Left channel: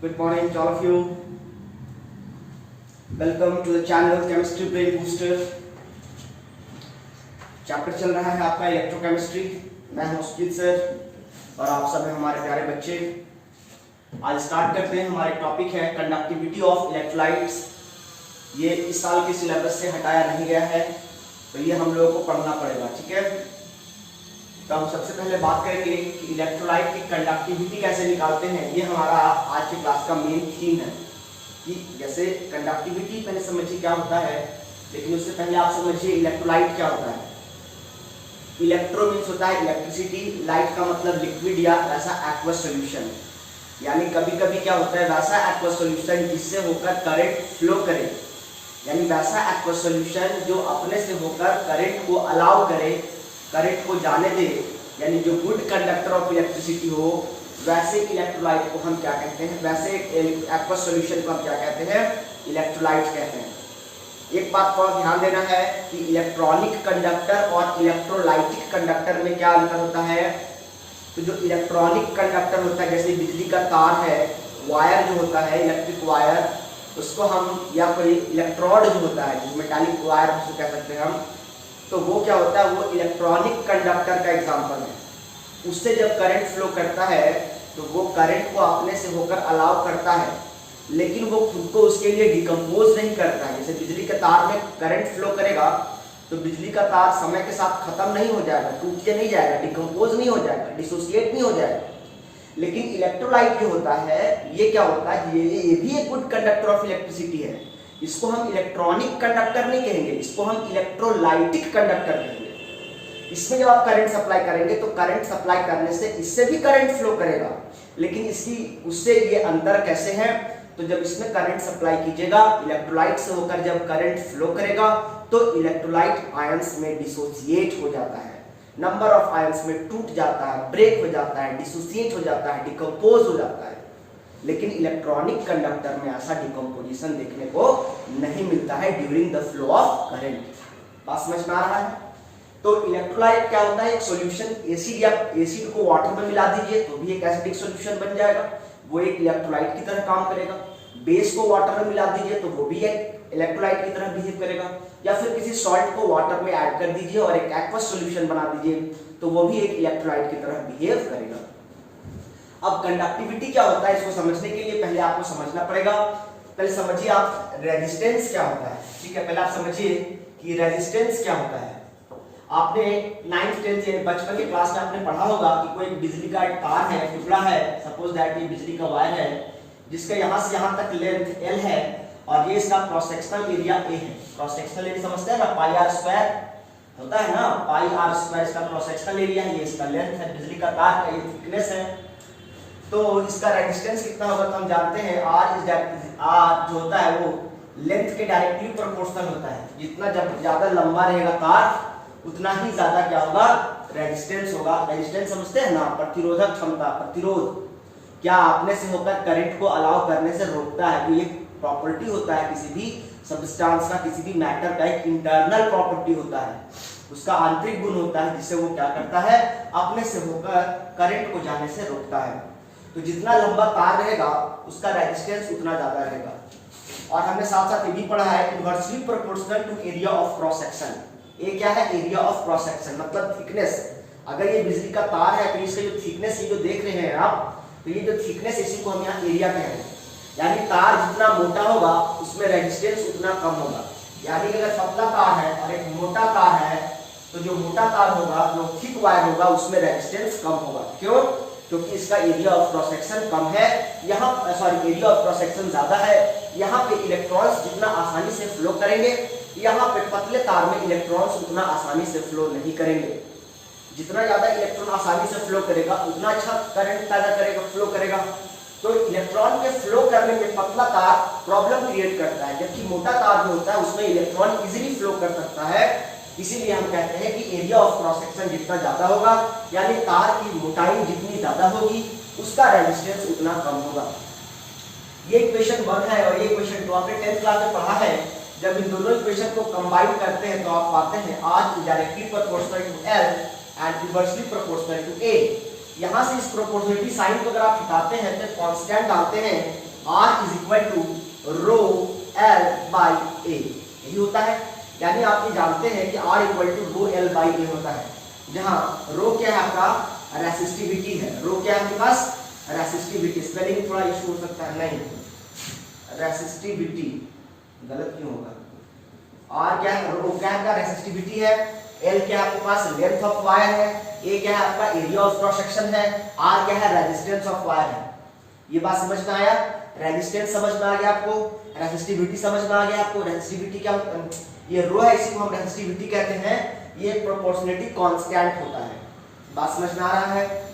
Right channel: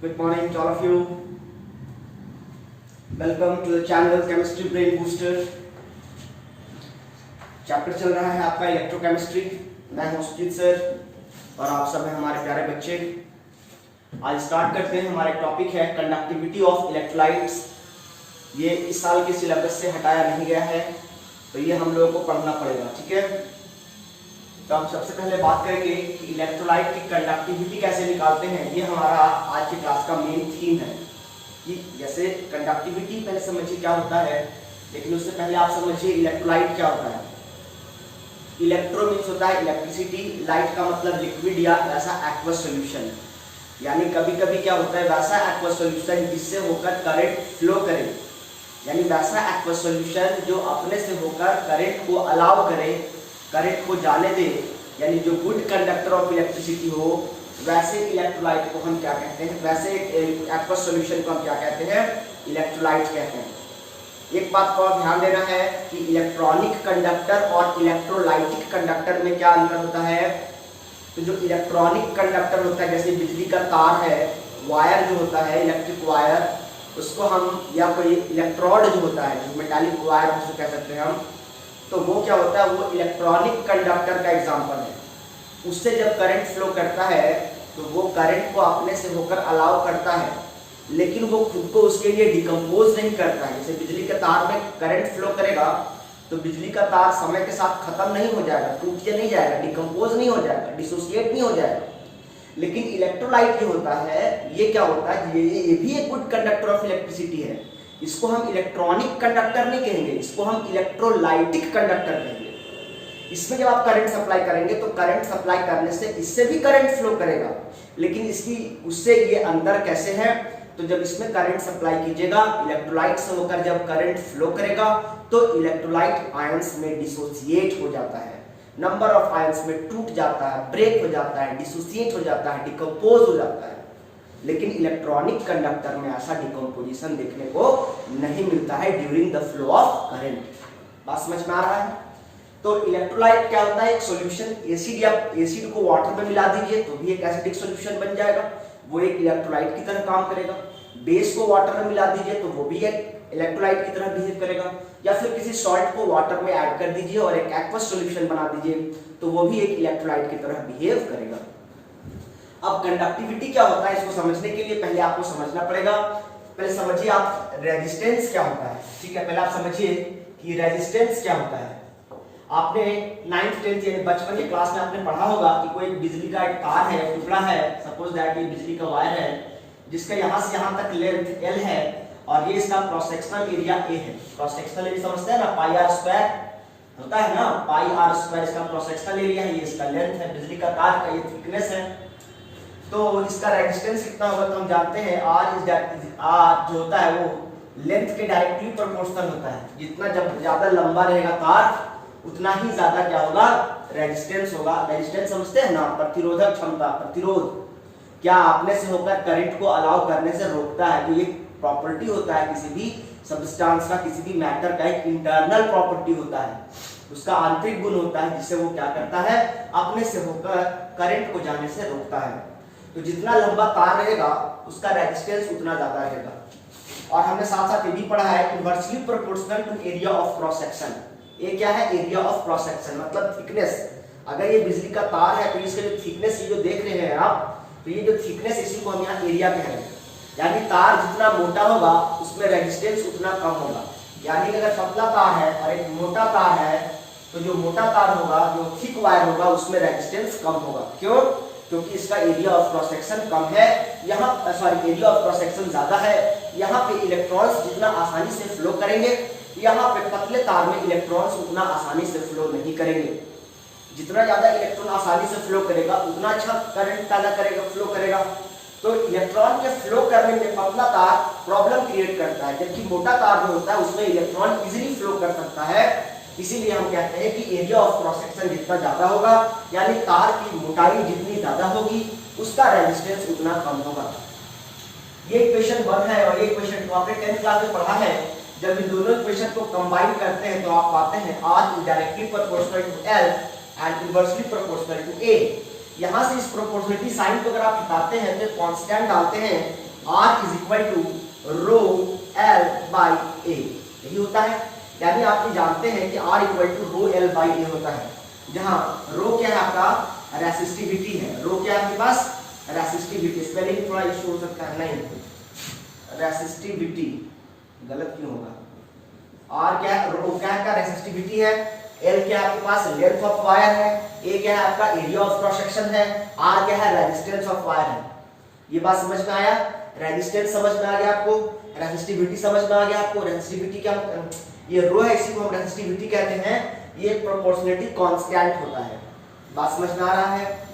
Good morning to all of you. Welcome to the channel Chemistry Brain Booster. Chapter चल रहा है आपका electrochemistry. मैं हूं सुजीत सर और आप सब हैं हमारे प्यारे बच्चे। आज स्टार्ट करते हैं। हमारे टॉपिक है कंडक्टिविटी ऑफ इलेक्ट्रोलाइट्स। ये इस साल के सिलेबस से हटाया नहीं गया है, तो ये हम लोगों को पढ़ना पड़ेगा, ठीक है। तो हम सबसे पहले बात करेंगे कि इलेक्ट्रोलाइट की कंडक्टिविटी कैसे निकालते हैं। ये हमारा आज की क्लास का मेन थीम है कि जैसे कंडक्टिविटी पहले समझिए क्या होता है, लेकिन उससे पहले आप समझिए इलेक्ट्रोलाइट क्या होता है। इलेक्ट्रो मीन्स होता है इलेक्ट्रिसिटी, लाइट का मतलब लिक्विड या वैसा एक्वस सॉल्यूशन। यानी कभी कभी क्या होता है, वैसा एक्वस सॉल्यूशन जिससे होकर करंट फ्लो करे, यानी वैसा एक्वस सॉल्यूशन जो अपने से होकर करंट को अलाउ करे, करंट को जाने दे, यानी जो गुड कंडक्टर ऑफ इलेक्ट्रिसिटी हो, वैसे इलेक्ट्रोलाइट को हम क्या कहते हैं, वैसे एक्वस सॉल्यूशन को हम क्या कहते हैं, इलेक्ट्रोलाइट कहते हैं। एक बात को ध्यान देना है कि इलेक्ट्रॉनिक कंडक्टर और इलेक्ट्रोलाइटिक कंडक्टर में क्या अंतर होता है। तो जो इलेक्ट्रॉनिक कंडक्टर होता है, जैसे बिजली का तार है, वायर जो होता है इलेक्ट्रिक वायर, उसको हम, या कोई इलेक्ट्रोड जो होता है, जो मेटालिक वायर उसको कह सकते हैं हम, तो वो क्या होता है, वो इलेक्ट्रॉनिक कंडक्टर का एग्जाम्पल है। उससे जब करंट फ्लो करता है तो वो करंट को अपने से होकर अलाउ करता है, लेकिन वो खुद को उसके लिए डिकम्पोज नहीं करता है। जैसे बिजली के तार में करंट फ्लो करेगा तो बिजली का तार समय के साथ खत्म नहीं हो जाएगा, टूट के नहीं जाएगा, डिकम्पोज नहीं हो जाएगा, डिसोसिएट नहीं हो जाएगा। लेकिन इलेक्ट्रोलाइट जो होता है, ये क्या होता है, ये भी एक गुड कंडक्टर ऑफ इलेक्ट्रिसिटी है। इसको हम इलेक्ट्रॉनिक कंडक्टर नहीं कहेंगे, इसको हम इलेक्ट्रोलाइटिक कंडक्टर कहेंगे। इसमें जब आप करंट सप्लाई करेंगे तो करंट सप्लाई करने से इससे भी करंट फ्लो करेगा, लेकिन इसकी उससे ये अंदर कैसे है, तो जब इसमें करंट सप्लाई कीजिएगा, इलेक्ट्रोलाइट से होकर जब करंट फ्लो करेगा तो इलेक्ट्रोलाइट आयंस में डिसोसिएट हो जाता है, नंबर ऑफ आयंस में टूट जाता है, ब्रेक हो जाता है, डिसोसिएट हो जाता है, डिकम्पोज हो जाता है। लेकिन इलेक्ट्रॉनिक कंडक्टर में ऐसा डिकम्पोजिशन देखने को नहीं मिलता है during the flow of current. बात समझ में आ रहा है। तो इलेक्ट्रोलाइट क्या होता है, एक सॉल्यूशन, एसिड या एसिड को वाटर में मिला दीजिए तो भी एक एसिडिक सॉल्यूशन बन जाएगा, वो एक इलेक्ट्रोलाइट की तरह काम करेगा। बेस को वाटर में मिला दीजिए तो वो भी एक इलेक्ट्रोलाइट की तरह बिहेव करेगा, या फिर किसी सॉल्ट को वाटर में ऐड कर दीजिए और एक एक्वस सॉल्यूशन बना दीजिए तो वो भी एक इलेक्ट्रोलाइट की तरह बिहेव करेगा। अब कंडक्टिविटी क्या होता है, इसको समझने के लिए पहले आपको समझना पड़ेगा। पहले समझिए आप रेजिस्टेंस क्या होता है, ठीक है। पहले आप समझिए कि रेजिस्टेंस क्या होता है। आपने 9th 10th यानी बचपन की क्लास में आपने पढ़ा होगा कि कोई बिजली का एक तार है, टुकड़ा है, सपोज दैट ये बिजली का वायर है, जिसका यहां से यहां तक लेंथ L है और ये इसका क्रॉस सेक्शनल एरिया A है। क्रॉस सेक्शनल एरिया समझते हैं ना, पाई आर स्क्वायर होता है ना, पाई आर स्क्वायर इसका क्रॉस सेक्शनल एरिया है, ये इसका लेंथ है, बिजली का तार का ये थिकनेस है। तो इसका रेजिस्टेंस कितना होगा, तो हम जानते हैं R जो होता है वो लेंथ के डायरेक्टली प्रोपोर्शनल होता है। जितना जब ज्यादा लंबा रहेगा तार उतना ही ज्यादा क्या होगा, रेजिस्टेंस होगा। रेजिस्टेंस समझते हैं ना, प्रतिरोधक क्षमता, प्रतिरोध क्या अपने से होकर करंट को अलाउ करने से रोकता है। तो ये प्रॉपर्टी होता है किसी भी सब्सटेंस का, किसी भी मैटर का एक इंटरनल प्रॉपर्टी होता है, उसका आंतरिक गुण होता है, जिससे वो क्या करता है, अपने से होकर करंट को जाने से रोकता है। तो जितना लंबा तार रहेगा उसका रेजिस्टेंस उतना ज्यादा रहेगा। और हमने साथ साथ ये भी पढ़ा है inversely proportional to area of cross section. ये क्या है, एरिया ऑफ क्रॉस सेक्शन मतलब थिकनेस। अगर ये बिजली का तार है तो इसका जो थिकनेस, ये जो देख रहे हैं आप, तो ये जो थिकनेस, इसी को हम यहाँ एरिया कहेंगे। यानी तार जितना मोटा होगा उसमें रेजिस्टेंस उतना कम होगा। यानी अगर पतला तार है और एक मोटा तार है तो जो मोटा तार होगा, जो थिक वायर होगा, उसमें रेजिस्टेंस कम होगा। क्यों? क्योंकि इसका एरिया ऑफ क्रॉस सेक्शन कम है, यहाँ एरिया ऑफ क्रॉस सेक्शन ज्यादा है। यहाँ पे इलेक्ट्रॉन्स जितना आसानी से फ्लो करेंगे, यहाँ पे पतले तार में इलेक्ट्रॉन्स उतना आसानी से फ्लो नहीं करेंगे। जितना ज्यादा इलेक्ट्रॉन आसानी से फ्लो करेगा उतना अच्छा करंट पैदा करेगा, फ्लो करेगा। तो इलेक्ट्रॉन के फ्लो करने में पतला तार प्रॉब्लम क्रिएट करता है, जबकि मोटा तार जो होता है उसमें इलेक्ट्रॉन इजीली फ्लो कर सकता है। इसीलिए हम कहते हैं कि एरिया ऑफ क्रॉस सेक्शन जितना ज्यादा होगा, यानी तार की मोटाई जितनी ज्यादा होगी, उसका रेजिस्टेंस उतना कम होगा। ये इक्वेशन 1 है और ये इक्वेशन 2 आपने 10th क्लास में पढ़ा है। जब इन दोनों इक्वेशन को कंबाइन करते हैं तो आप पाते हैं R is directly proportional to L and inversely proportional to A। यहाँ से इस प्रोपोर्शनलिटी साइन को अगर आप हटाते हैं तो कांस्टेंट डालते हैं R is equal to rho L by A, यही होता है। यानी आप ये जानते हैं कि R equal to rho L by A होता है, जहां रो क्या है आपका रेसिस्टिविटी है। रो क्या है आपके पास रेसिस्टिविटी, स्पेलिंग थोड़ा इश्यू हो सकता है, नहीं रेसिस्टिविटी गलत क्यों होगा, R क्या है, रो क्या है रेसिस्टिविटी है, L क्या है आपके पास लेंथ ऑफ वायर है, A क्या है आपका एरिया ऑफ क्रॉस सेक्शन है, R क्या है रेजिस्टेंस ऑफ वायर है। ये बात समझ में आया, रेजिस्टेंस समझ में आ गया आपको, रेसिस्टिविटी समझ में आ गया आपको। रेसिस्टिविटी क्या, ये रो है इसी को हम रेसिस्टिविटी कहते हैं, ये प्रोपोर्शनलिटी कांस्टेंट होता है। बात समझ में आ रहा है।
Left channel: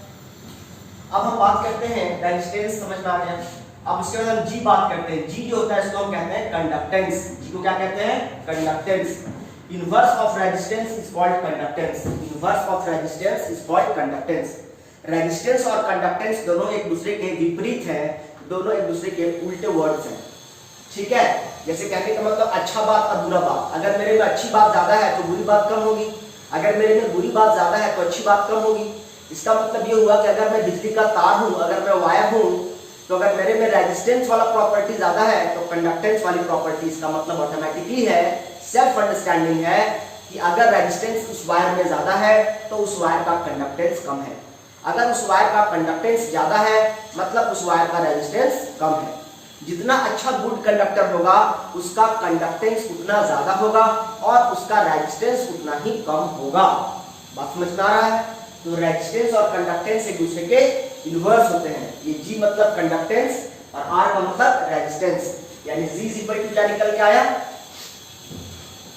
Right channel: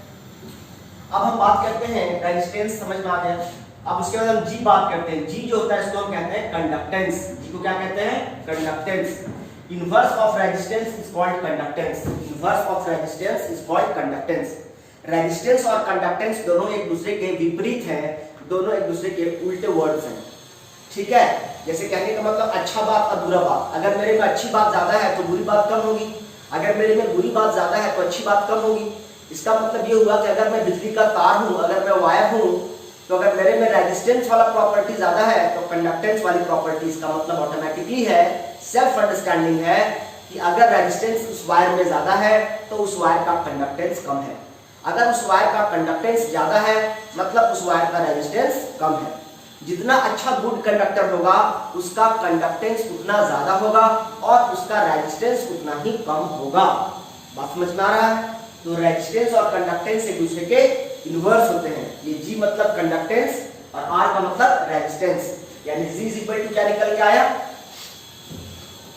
अब हम बात करते हैं रेजिस्टेंस, समझ में आ गया। अब इसके बाद हम जी बात करते हैं। जी जो होता है इसको हम कहते हैं कंडक्टेंस। जी को क्या कहते हैं, conductance. Inverse of resistance is called conductance. Inverse of resistance is called conductance. Resistance और कंडक्टेंस दोनों एक दूसरे के विपरीत हैं, दोनों एक दूसरे के उल्टे वर्ड्स हैं, ठीक है। जैसे कहने का मतलब अच्छा बात और बुरा बात, अगर मेरे में अच्छी बात ज्यादा है तो बुरी बात कम होगी, अगर मेरे में बुरी बात ज्यादा है तो अच्छी बात कम होगी। इसका मतलब ये हुआ कि अगर मैं बिजली का तार हूं, अगर मैं वायर हूं, तो अगर मेरे में रेजिस्टेंस वाला प्रॉपर्टी ज्यादा है तो कंडक्टेंस वाली प्रॉपर्टी, इसका मतलब ऑटोमेटिकली है, सेल्फ अंडरस्टैंडिंग है कि अगर रेजिस्टेंस उस वायर में ज्यादा है तो उस वायर का कंडक्टेंस कम है, अगर उस वायर का कंडक्टेंस ज्यादा है मतलब उस वायर का रेजिस्टेंस कम है। जितना अच्छा गुड कंडक्टर होगा उसका कंडक्टेंस उतना ज्यादा होगा और उसका रेजिस्टेंस उतना ही कम होगा। बात समझ में आ रहा है। तो रेजिस्टेंस और कंडक्टेंस एक दूसरे के इनवर्स होते हैं। ये जी मतलब कंडक्टेंस और आर का मतलब रेजिस्टेंस, यानी जी इज इक्वल टू क्या निकल के आया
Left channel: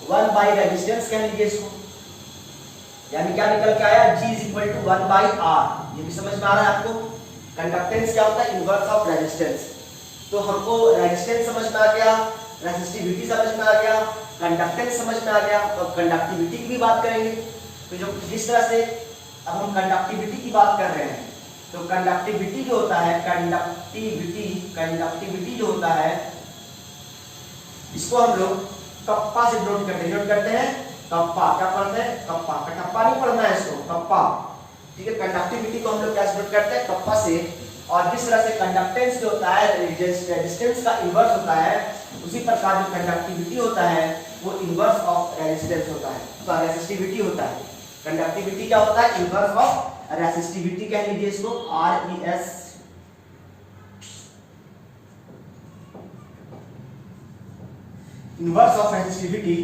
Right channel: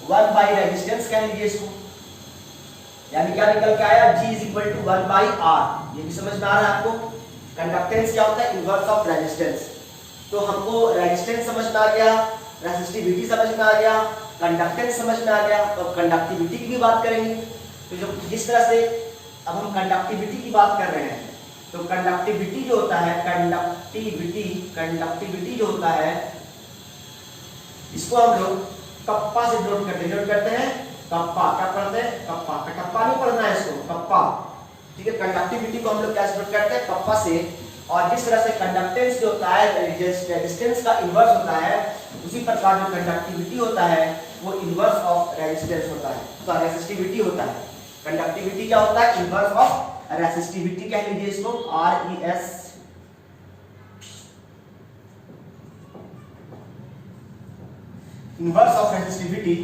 1 बाई रेजिस्टेंस कह लीजिए इसको, यानी क्या निकल के आया G is equal to 1 by R। ये भी समझ में आ रहा है आपको। कंडक्टेंस क्या होता है, इनवर्स ऑफ रेजिस्टेंस। तो हमको रेजिस्टेंस समझ में आ गया, रेसिस्टिविटी समझ में आ गया, कंडक्टेंस समझ में आ गया, और कंडक्टिविटी की भी बात करेंगे। तो जो जिस तरह से अब हम कंडक्टिविटी की बात कर रहे हैं, तो कंडक्टिविटी जो होता है, कंडक्टिविटी जो होता है, इसको हम लोग कप्पा से डिनोट करते हैं कप्पा। क्या पढ़ते हैं, कप्पा। कटप्पा नहीं पढ़ना है इसको, कप्पा, ठीक है। कंडक्टिविटी को हम लोग कैसे डिनोट करते हैं, कप्पा से। और जिस तरह से कंडक्टेंस जो होता है रेजिस्टेंस का इनवर्स होता है, उसी प्रकार जो कंडक्टिविटी होता है वो इनवर्स ऑफ रेजिस्टेंस होता है, तो रेसिस्टिविटी होता है। कंडक्टिविटी क्या होता है, इनवर्स ऑफ रेसिस्टिविटी कह लीजिए इसको, RES। इनवर्स ऑफ रेसिस्टिविटी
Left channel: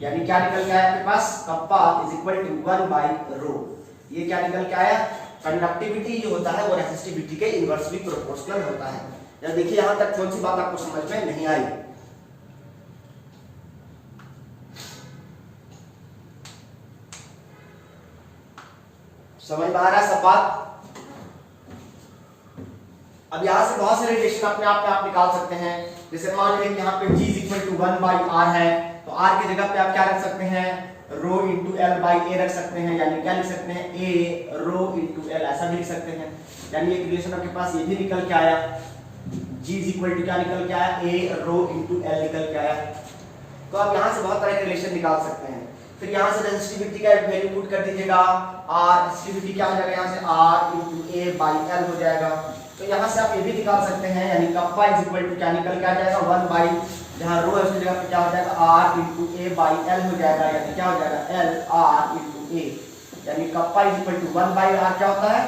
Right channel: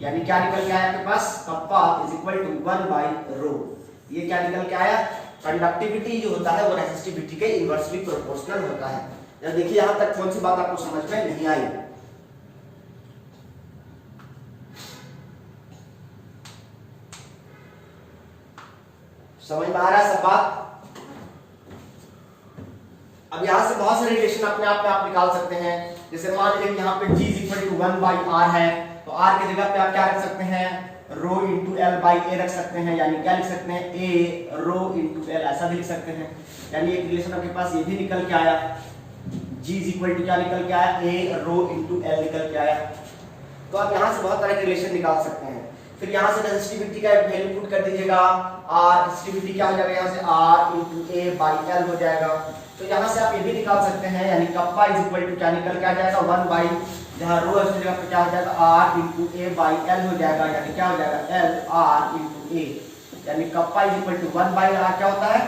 यानी क्या निकल के आया आपके पास, kappa is equal to 1 by rho. ये क्या निकल के आया, कंडक्टिविटी जो होता है वो रेसिस्टिविटी के इनवर्सली प्रोपोर्शनल होता है। या देखिए यहां तक कौन सी बात आपको समझ में नहीं आई। समझ में आ रहा है सब बात। अब यहां से बहुत सारे रिलेशन अपने आप में आप निकाल सकते हैं। जैसे मान लीजिए यहाँ पे G is equal to 1 by R है, तो R की जगह पे आप क्या रख सकते हैं, rho into L by A रख सकते हैं, यानी क्या लिख सकते हैं, A रो इंटू L, ऐसा भी लिख सकते हैं। यानी एक रिलेशन आपके पास ये भी निकल के आया, G इज इक्वल टू क्या निकल के आया, A रो इंटू L निकल के आया। तो आप यहाँ से बहुत तरह के रिलेशन निकाल सकते हैं। फिर यहाँ से रेजिस्टिविटी का वैल्यू पुट कर दीजिएगा, R रेजिस्टिविटी क्या हो जाएगा, यहाँ से R into A by L हो जाएगा। तो यहाँ से आप ये भी निकाल सकते हैं, यानी कप्पा इज इक्वल टू क्या निकल के आ जाएगा 1 बाई, जहाँ रो है उसकी जगह पे क्या हो जाएगा R into A by L हो जाएगा, यानी क्या हो जाएगा L R इंटू A, यानी kappa is equal to 1 by R क्या होता है,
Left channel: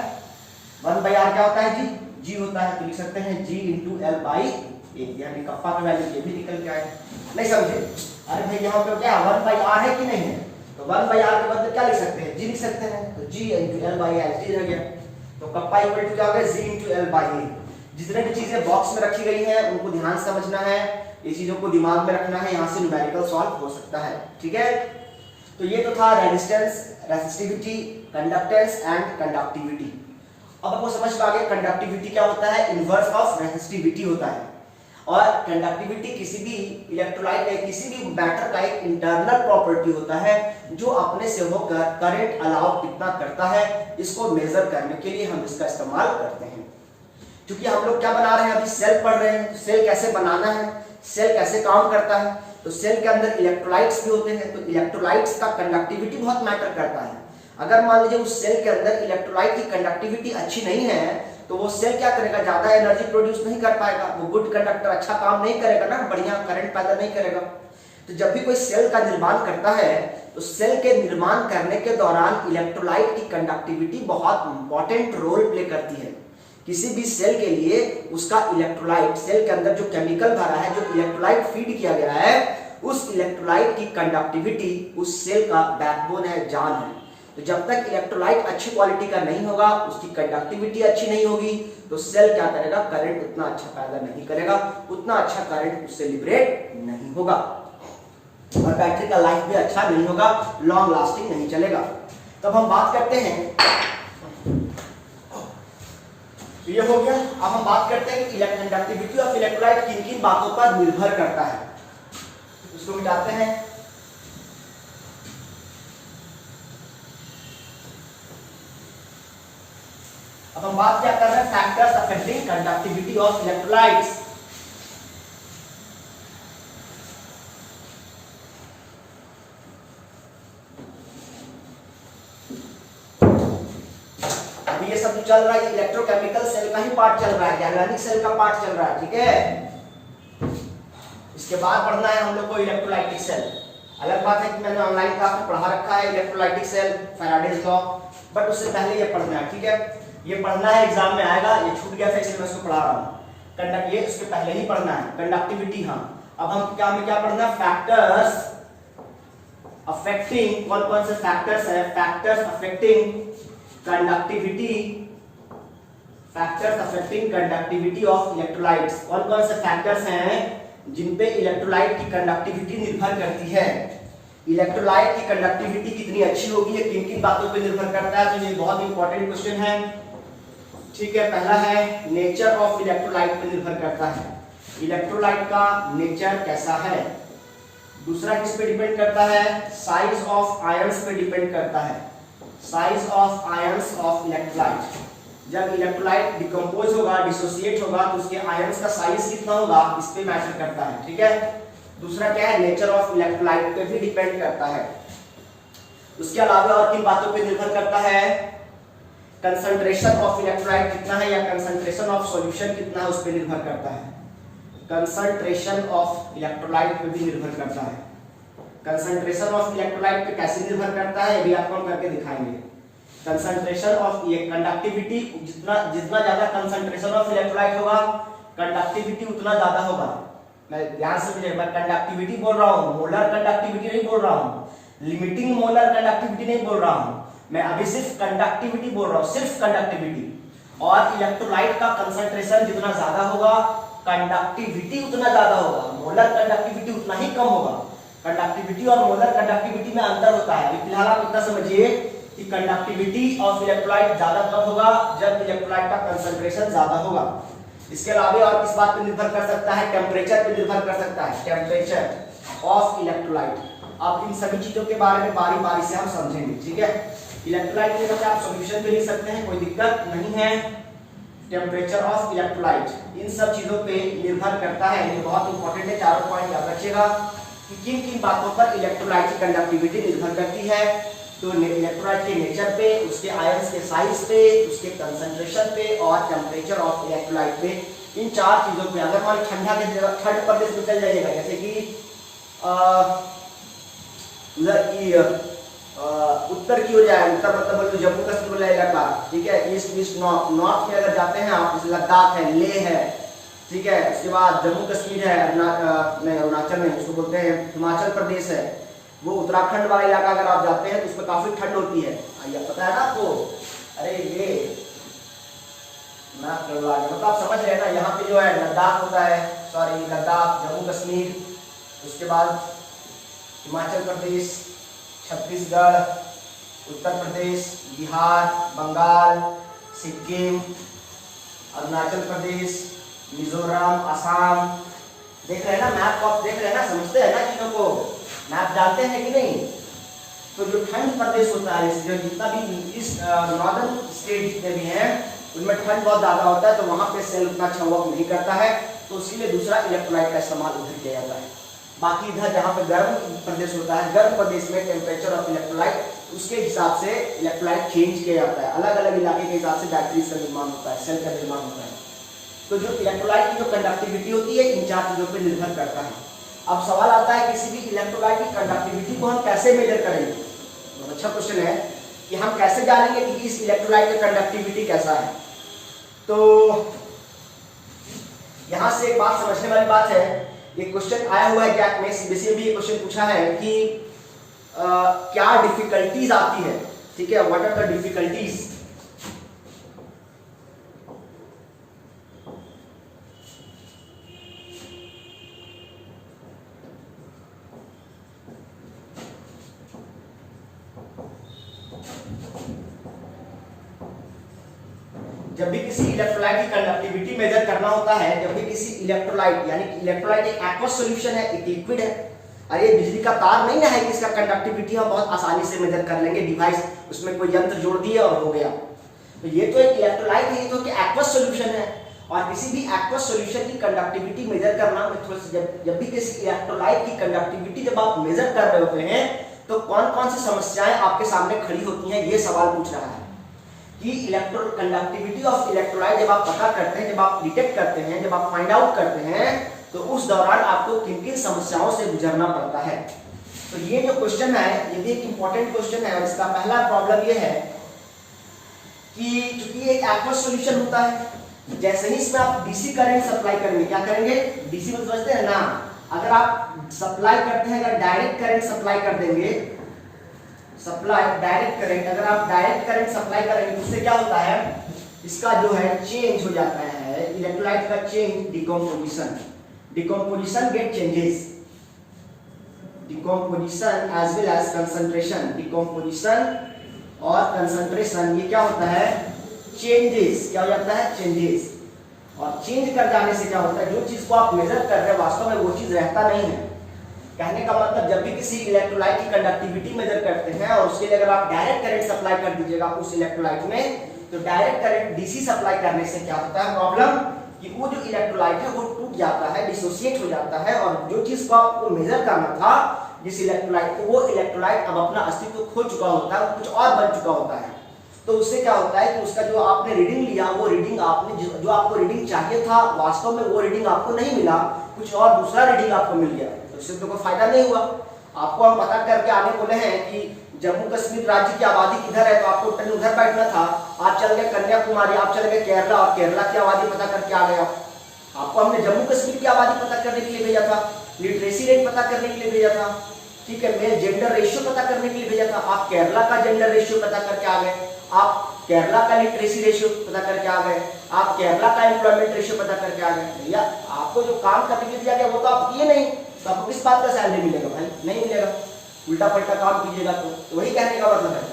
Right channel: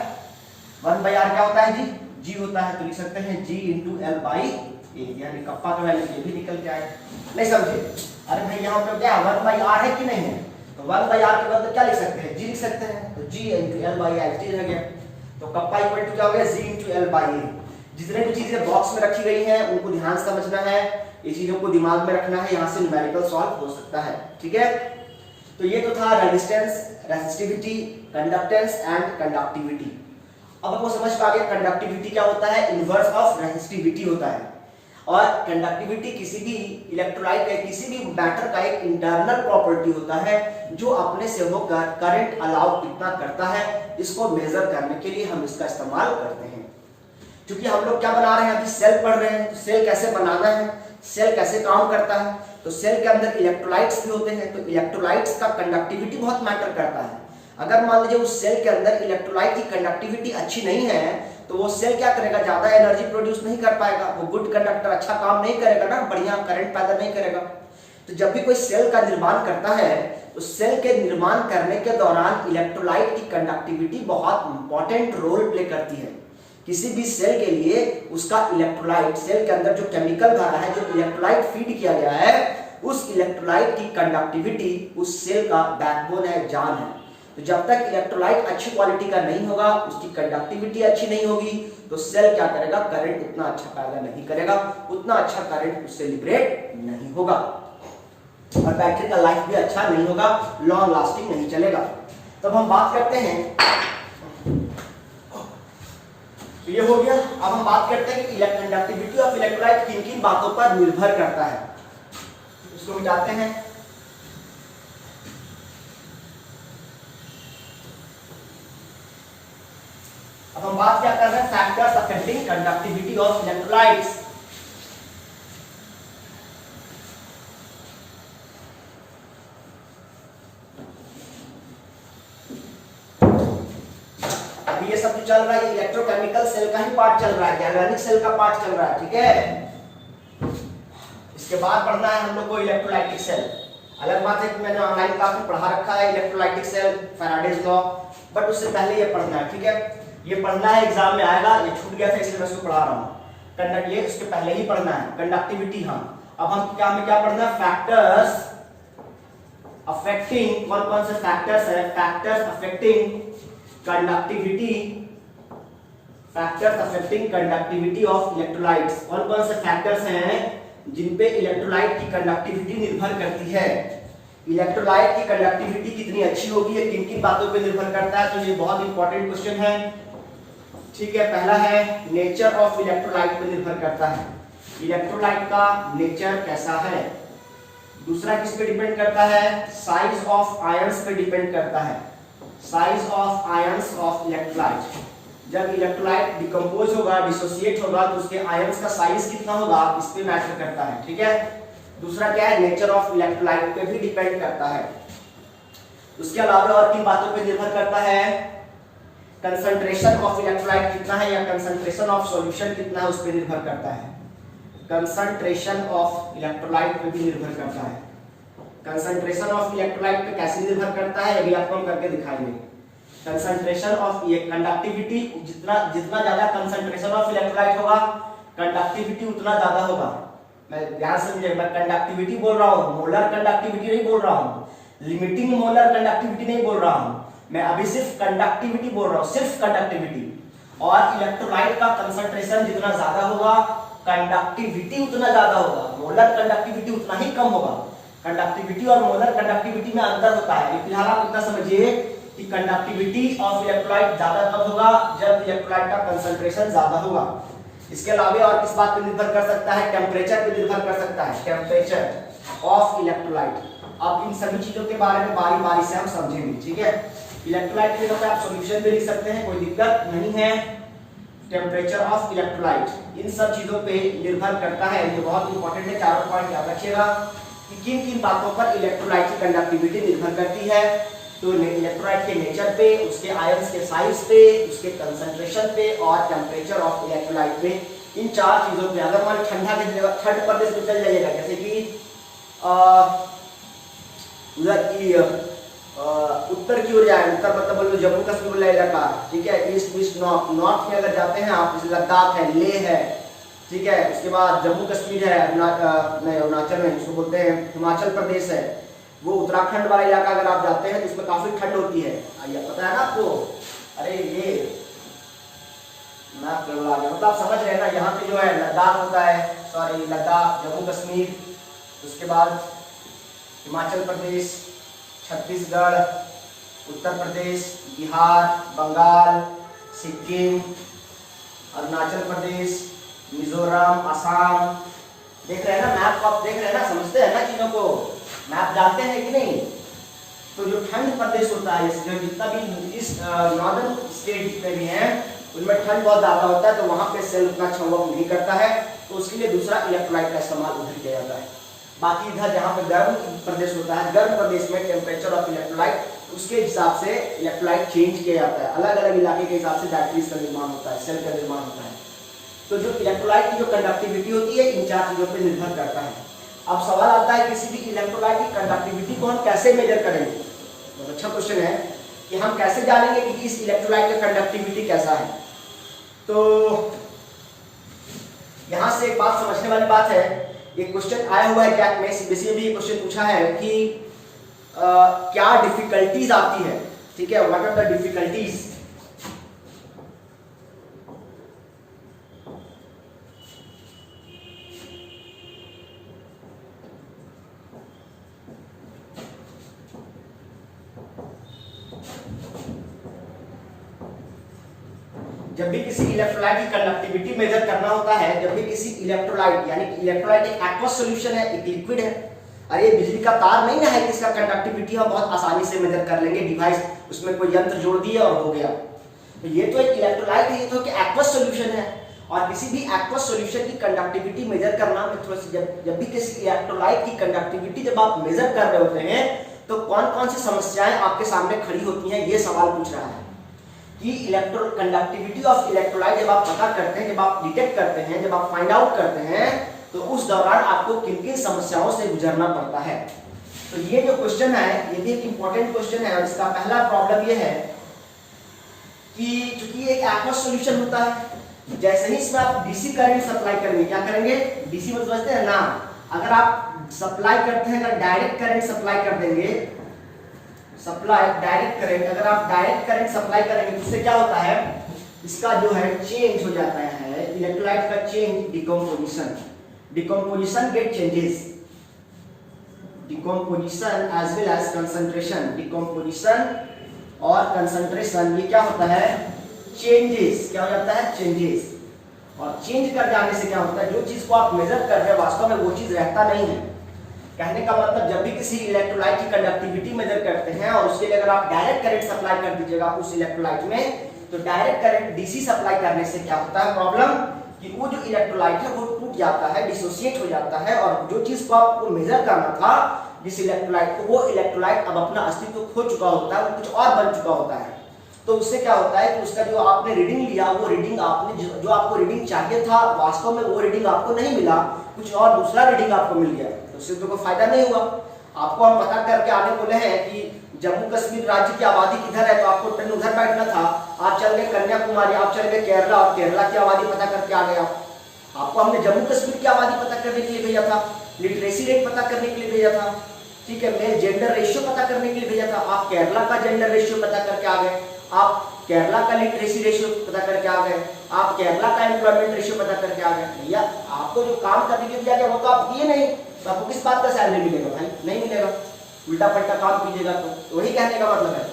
1 बाई R क्या होता है G होता है। तो लिख सकते हैं G into L by A, यानी कप्पा का वैल्यू ये भी निकल के आएगा। नहीं समझे, अरे भाई यहाँ पे क्या 1 बाई R है कि नहीं है, तो 1 बाई R के बदले क्या लिख सकते हैं, G लिख सकते हैं। तो G into L by L रह गया। तो कप्पा इक्वल टू क्या हो गया, G into L by A। जितने भी चीजें बॉक्स में रखी गई हैं उनको ध्यान से समझना है, ये चीजों को दिमाग में रखना है, यहाँ से न्यूमेरिकल सॉल्व हो सकता है, ठीक है। तो ये तो था resistance, resistivity, conductance and conductivity. अब आपको समझ में आ गया कंडक्टिविटी क्या होता है, इनवर्स ऑफ रेसिस्टिविटी होता है। और कंडक्टिविटी किसी भी इलेक्ट्रोलाइट या किसी भी मैटर का एक इंटरनल प्रॉपर्टी होता है जो अपने से होकर करंट अलाउ कितना करता है, इसको मेजर करने के लिए हम इसका इस्तेमाल करते हैं। क्योंकि हम लोग क्या बना रहे हैं, अभी सेल पढ़ रहे हैं, सेल कैसे बनाना है, सेल कैसे काम करता है। तो सेल के अंदर इलेक्ट्रोलाइट्स भी होते हैं, तो इलेक्ट्रोलाइट्स का कंडक्टिविटी बहुत मैटर करता है। अगर मान लीजिए उस सेल के अंदर इलेक्ट्रोलाइट की कंडक्टिविटी अच्छी नहीं है तो वो सेल क्या करेगा, ज्यादा एनर्जी प्रोड्यूस नहीं कर पाएगा, वो गुड कंडक्टर अच्छा काम नहीं करेगा ना, बढ़िया करंट पैदा नहीं करेगा। तो जब भी कोई सेल का निर्माण करता है तो सेल के निर्माण करने के दौरान इलेक्ट्रोलाइट की कंडक्टिविटी बहुत इंपॉर्टेंट रोल प्ले करती है। किसी भी सेल के लिए उसका इलेक्ट्रोलाइट, सेल के अंदर जो केमिकल भरा है, जो इलेक्ट्रोलाइट फीड किया गया है, उस इलेक्ट्रोलाइट की कंडक्टिविटी उस सेल का बैकबोन है, जान है। तो जब तक इलेक्ट्रोलाइट अच्छी क्वालिटी का नहीं होगा, उसकी कंडक्टिविटी अच्छी नहीं होगी, तो सेल क्या करेगा, करंट उतना अच्छा पैदा नहीं करेगा, उतना अच्छा करंट उससे लिबरेट नहीं होगा और बैटरी का लाइफ भी अच्छा नहीं होगा, लॉन्ग लास्टिंग नहीं चलेगा। तब हम बात करते हैं, तो ये हो गया। अब हम बात करते हैं कि कंडक्टिविटी ऑफ इलेक्ट्रोलाइट किन किन बातों पर निर्भर करता है, इसको मिटाते हैं। अब हम बात क्या कर रहे हैं, factors affecting conductivity of electrolytes. अभी ये सब जो चल रहा है इलेक्ट्रोकेमिकल सेल का ही पार्ट चल रहा है, गैल्वेनिक सेल का पार्ट चल रहा है, ठीक है। इसके बाद पढ़ना है हम लोग को इलेक्ट्रोलाइटिक सेल। अलग बात है कि मैंने ऑनलाइन क्लास में पढ़ा रखा है electrolytic cell, Faraday's law, but उससे पहले ये पढ़ना है, ठीक है। ये पढ़ना है, एग्जाम में आएगा, ये छूट गया था इसलिए मैं इसको पढ़ा रहा हूँ। कंडक्ट ये इसके पहले ही पढ़ना है, कंडक्टिविटी। हाँ, अब हम क्या पढ़ना है, फैक्टर्स अफेक्टिंग, कौन कौन से फैक्टर्स है, factors affecting conductivity, factors affecting conductivity of electrolytes. कौन कौन से फैक्टर्स हैं जिन पे इलेक्ट्रोलाइट की कंडक्टिविटी निर्भर करती है। इलेक्ट्रोलाइट की कंडक्टिविटी कितनी अच्छी होगी, ये किन किन बातों पे निर्भर करता है, तो ये बहुत इंपॉर्टेंट क्वेश्चन है, ठीक है। पहला है नेचर ऑफ इलेक्ट्रोलाइट पे निर्भर करता है, इलेक्ट्रोलाइट का नेचर कैसा है। दूसरा किस पे डिपेंड करता है, साइज ऑफ आयंस पे डिपेंड करता है, size of ions of electrolyte. जब इलेक्ट्रोलाइट डिकम्पोज होगा, डिसोसिएट होगा, तो उसके आयंस का साइज कितना होगा, इस पे मैटर करता है, ठीक है। दूसरा क्या है, नेचर ऑफ इलेक्ट्रोलाइट पे भी डिपेंड करता है। उसके अलावा और किन बातों पे निर्भर करता है, कंसंट्रेशन ऑफ इलेक्ट्रोलाइट कितना है या कंसंट्रेशन ऑफ सॉल्यूशन कितना है, उस पर निर्भर करता है। कंसंट्रेशन ऑफ इलेक्ट्रोलाइट पे भी निर्भर करता है। कंसंट्रेशन ऑफ इलेक्ट्रोलाइट पे कैसे निर्भर करता है, अभी आपको हम करके दिखाएंगे। कंसंट्रेशन ऑफ ये कंडक्टिविटी, जितना ज्यादा कंसंट्रेशन ऑफ इलेक्ट्रोलाइट होगा, कंडक्टिविटी उतना ज्यादा होगा। मैं ध्यान से समझिए, मैं कंडक्टिविटी बोल रहा हूँ, मोलर कंडक्टिविटी नहीं बोल रहा हूँ, लिमिटिंग मोलर कंडक्टिविटी नहीं बोल रहा हूँ, मैं अभी सिर्फ कंडक्टिविटी बोल रहा हूँ, सिर्फ कंडक्टिविटी। और इलेक्ट्रोलाइट का कंसंट्रेशन जितना ज्यादा होगा, कंडक्टिविटी उतना ज्यादा होगा, मोलर कंडक्टिविटी उतना ही कम होगा। कंडक्टिविटी और मोलर कंडक्टिविटी में अंतर होता है। फिलहाल आप इतना समझिए कि कंडक्टिविटी ऑफ इलेक्ट्रोलाइट ज्यादा कब होगा, जब इलेक्ट्रोलाइट का कंसंट्रेशन ज्यादा होगा। इसके अलावा और किस बात पे निर्भर कर सकता है, टेम्परेचर पे निर्भर कर सकता है, टेम्परेचर ऑफ इलेक्ट्रोलाइट। अब इन सभी चीजों के बारे में बारी बारी से हम समझेंगे, ठीक है। इलेक्ट्रोलाइट के जगह आप सॉल्यूशन पे लिख सकते हैं, कोई दिक्कत नहीं है। टेम्परेचर ऑफ इलेक्ट्रोलाइट इन सब चीजों पे निर्भर करता है, ये बहुत इंपॉर्टेंट है, चारों पॉइंट याद रखिएगा कि किन किन बातों पर इलेक्ट्रोलाइट की कंडक्टिविटी निर्भर करती है। तो इलेक्ट्रोलाइट के नेचर पे, उसके आयंस के साइज पे, उसके कंसंट्रेशन पे और टेम्परेचर ऑफ इलेक्ट्रोलाइट पे, इन चार चीजों पे। अगर मान ठंडा के जगह ठंड प्रदेश में चल जाइएगा, जैसे कि उधर की उत्तर की ओर जाए, उत्तर मतलब बोलो जम्मू कश्मीर वाला इलाका, ठीक है, ईस्ट वेस्ट नॉर्थ, नॉर्थ में अगर जाते हैं आप, जैसे लद्दाख है, लेह है, ठीक है, उसके बाद जम्मू कश्मीर है, अरुणाचल में उसको बोलते हैं हिमाचल प्रदेश है, वो उत्तराखंड वाला इलाका अगर आप जाते हैं तो उसमें काफी ठंड होती है, पता है ना आपको। अरे ये मतलब आप समझ रहे हैं ना, यहाँ पे जो है लद्दाख होता है, सॉरी लद्दाख, जम्मू कश्मीर, उसके बाद हिमाचल प्रदेश, छत्तीसगढ़, उत्तर प्रदेश, बिहार, बंगाल, सिक्किम, अरुणाचल प्रदेश, मिजोरम, असम। देख रहे हैं ना मैप को, आप देख रहे हैं ना, समझते हैं ना चीजों को, मैप जानते हैं कि नहीं। तो जो ठंड प्रदेश होता है, जो जितना भी इस नॉर्दर्न स्टेट जितने भी हैं उनमें ठंड बहुत ज्यादा होता है, तो वहां पे सेल उतना अच्छा वर्क नहीं करता है, तो उसके लिए दूसरा इलेक्ट्रोलाइट का इस्तेमाल उधर किया जाता है। बाकी इधर जहाँ पे गर्म प्रदेश होता है, गर्म प्रदेश में टेम्परेचर ऑफ इलेक्ट्रोलाइट उसके हिसाब से इलेक्ट्रोलाइट चेंज किया जाता है, अलग अलग इलाके के हिसाब से बैटरीज का निर्माण होता है, सेल का निर्माण होता है। तो जो इलेक्ट्रोलाइट की जो कंडक्टिविटी होती है इन चार चीजों पर निर्भर करता है। अब सवाल आता है किसी भी इलेक्ट्रोलाइट की कंडक्टिविटी को हम कैसे मेजर करेंगे। बहुत अच्छा क्वेश्चन है कि हम कैसे जानेंगे कि इस इलेक्ट्रोलाइट का कंडक्टिविटी कैसा है। तो यहां से एक बात समझने वाली बात है, एक क्वेश्चन आया हुआ है एग्जैक्ट में सीबीएसई में भी क्वेश्चन पूछा है कि क्या डिफिकल्टीज आती है, ठीक है, व्हाट आर द डिफिकल्टीज। जब भी किसी इलेक्ट्रोलाइट की कंडक्टिविटी मेजर करना होता है, जब भी किसी इलेक्ट्रोलाइट, यानी इलेक्ट्रोलाइट एक एक्वस सॉल्यूशन है, एक लिक्विड है, और ये बिजली का तार नहीं है कि इसका कंडक्टिविटी हम बहुत आसानी से मेजर कर लेंगे, डिवाइस उसमें कोई यंत्र जोड़ दिए और हो गया। तो ये तो एक इलेक्ट्रोलाइट है, ये तो एक्वस सॉल्यूशन है, और किसी भी एक्वस सॉल्यूशन की कंडक्टिविटी मेजर करना में थोड़ी सी जब भी किसी इलेक्ट्रोलाइट की कंडक्टिविटी जब आप मेजर कर रहे होते हैं तो कौन कौन सी समस्याएं आपके सामने खड़ी होती हैं, ये सवाल पूछ रहा है कि इलेक्ट्रो कंडक्टिविटी ऑफ इलेक्ट्रोलाइट जब आप पता करते हैं, जब आप डिटेक्ट करते हैं, जब आप फाइंड आउट करते हैं, तो उस दौरान आपको किन किन समस्याओं से गुजरना पड़ता है। तो ये जो क्वेश्चन है ये भी एक इंपॉर्टेंट क्वेश्चन है, और इसका पहला प्रॉब्लम ये है कि चूंकि एक एक्वस सॉल्यूशन होता है, जैसे ही इसमें आप डीसी करंट सप्लाई करेंगे, क्या करेंगे, डीसी में समझते हैं ना, अगर आप सप्लाई करते हैं, अगर डायरेक्ट करंट सप्लाई कर देंगे, सप्लाई डायरेक्ट करंट, अगर आप डायरेक्ट करंट सप्लाई करेंगे तो उससे क्या होता है, इसका जो है चेंज हो जाता है, इलेक्ट्रोलाइट का change, decomposition, decomposition get changes, decomposition as well as concentration, decomposition और कंसंट्रेशन, ये क्या होता है, चेंजेस, क्या हो जाता है, चेंजेस। और चेंज कर जाने से क्या होता है, जो चीज को आप मेजर कर रहे हैं वास्तव में वो चीज रहता नहीं है। कहने का मतलब जब भी किसी इलेक्ट्रोलाइट की कंडक्टिविटी मेजर करते हैं और उसके लिए अगर आप डायरेक्ट करंट सप्लाई कर दीजिएगा उस इलेक्ट्रोलाइट में, तो डायरेक्ट करंट डीसी सप्लाई करने से क्या होता है प्रॉब्लम, कि वो जो इलेक्ट्रोलाइट है वो टूट जाता है, डिसोसिएट हो जाता है, और जो चीज को आपको मेजर करना था जिस इलेक्ट्रोलाइट को, वो इलेक्ट्रोलाइट अब अपना अस्तित्व खो चुका होता है, कुछ और बन चुका होता है। तो उससे क्या होता है कि उसका जो आपने रीडिंग लिया, वो रीडिंग आपने जो आपको रीडिंग चाहिए था वास्तव में वो रीडिंग आपको नहीं मिला, कुछ और दूसरा रीडिंग आपको मिल गया, तो उससे तो कोई फायदा नहीं हुआ। आपको हम पता करके आने बोले हैं कि जम्मू कश्मीर राज्य की आबादी किधर है, तो आपको पहले उधर बैठना था, आप चल गए कन्याकुमारी, आप चल गए केरला, और केरला की आबादी पता करके आ गए। आपको हमने जम्मू कश्मीर की आबादी पता करने के लिए भेजा था, लिटरेसी रेट पता करने के लिए भेजा था, ठीक है, मेल जेंडर रेशियो पता करने के लिए भेजा था, आप केरला का जेंडर रेशियो पता करके आ गए, आप केरला का लिटरेसी रेशियो पता करके आ गए, आप केरला का एम्प्लॉयमेंट रेशियो पता करके आ गए। भैया आपको जो काम करने के लिए दिया गया वो तो आप किए नहीं, तो आपको किस बात का सैलरी मिलेगा भाई, नहीं मिलेगा, उल्टा पलटा काम कीजिएगा। तो वही कहने का मतलब है,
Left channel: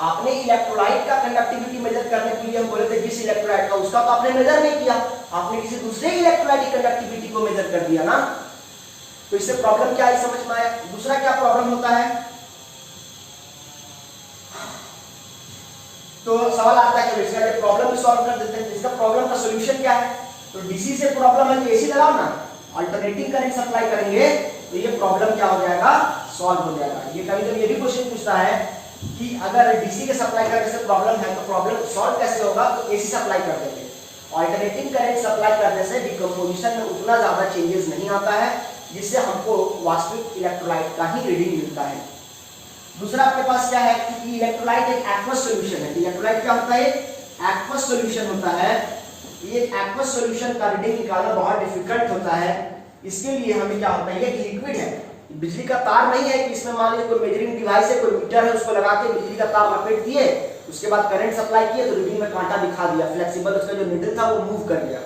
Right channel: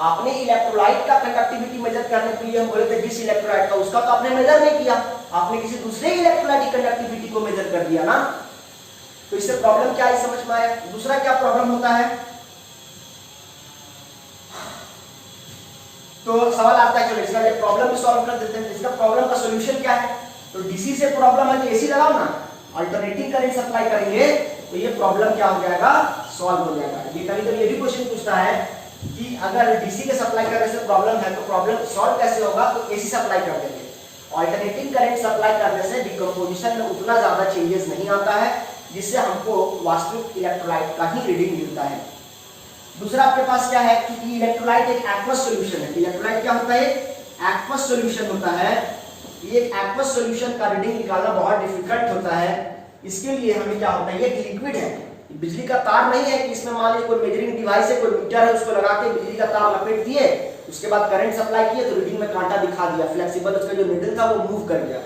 आपने इलेक्ट्रोलाइट का कंडक्टिविटी मेजर करने के लिए हम बोले थे जिस इलेक्ट्रोलाइट का, उसका तो आपने मेजर नहीं किया, आपने किसी दूसरे इलेक्ट्रोलाइट की कंडक्टिविटी को मेजर कर दिया ना। तो इससे प्रॉब्लम क्या है समझ में आया। दूसरा क्या प्रॉब्लम होता है, तो सवाल आता है चलो इसका प्रॉब्लम भी सॉल्व कर देते हैं। इसका प्रॉब्लम का सॉल्यूशन क्या है, तो डीसी से प्रॉब्लम है तो एसी लगाओ ना, अल्टरनेटिंग करंट सप्लाई करेंगे तो ये प्रॉब्लम क्या हो जाएगा, सॉल्व हो जाएगा। ये कभी कभी ये भी क्वेश्चन पूछता है कि अगर डीसी के सप्लाई करने से प्रॉब्लम है तो प्रॉब्लम सॉल्व कैसे होगा, तो एसी सप्लाई कर देंगे। अल्टरनेटिंग करंट सप्लाई करने से डिकम्पोजिशन में उतना ज्यादा चेंजेस नहीं आता है, जिससे हमको वास्तविक इलेक्ट्रोलाइट का ही रीडिंग मिलता है। दूसरा आपके पास क्या है, क्योंकि इलेक्ट्रोलाइट एक एक्वस सॉल्यूशन है। इलेक्ट्रोलाइट क्या होता है, एक्वस सॉल्यूशन होता है। ये एक्वस सॉल्यूशन का रीडिंग निकालना बहुत डिफिकल्ट होता है। इसके लिए हमें क्या होता है, ये लिक्विड है, बिजली का तार नहीं है कि इसमें मान लीजिए कोई मेजरिंग डिवाइस है, कोई मीटर है, उसको लगा के बिजली का तार लपेट दिए, उसके बाद करंट सप्लाई किए तो रीडिंग में कांटा दिखा दिया, फ्लेक्सिबल उसका जो नीडल था वो मूव कर गया।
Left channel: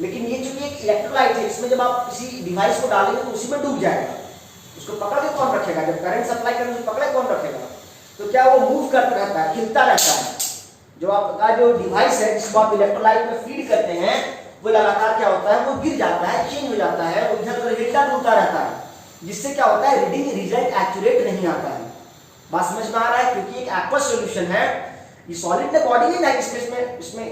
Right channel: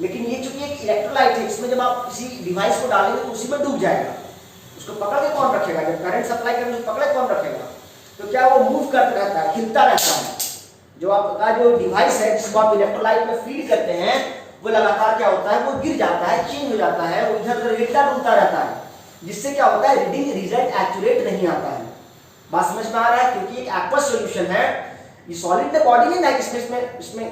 लेकिन ये चूंकि एक इलेक्ट्रोलाइट है, इसमें जब आप किसी डिवाइस को डालेंगे तो उसी में डूब जाएगा, उसको पकड़ के कौन रखेगा, जब करंट सप्लाई करेंगे तो पकड़े कौन रखेगा, तो क्या वो मूव करता रहता है, हिलता रहता है। जो आपका जो डिवाइस है जिसको आप इलेक्ट्रोलाइट में फीड करते हैं वो लगातार क्या होता है, वो गिर जाता है, चेंज हो जाता है, वो इधर उधर हिलता डुलता रहता है, जिससे क्या होता है, रीडिंग रिजल्ट एक्यूरेट नहीं आता है। बात समझ में आ रहा है, क्योंकि एक एक्वस सॉल्यूशन है, ये सॉलिड में बॉडी नहीं है, इसमें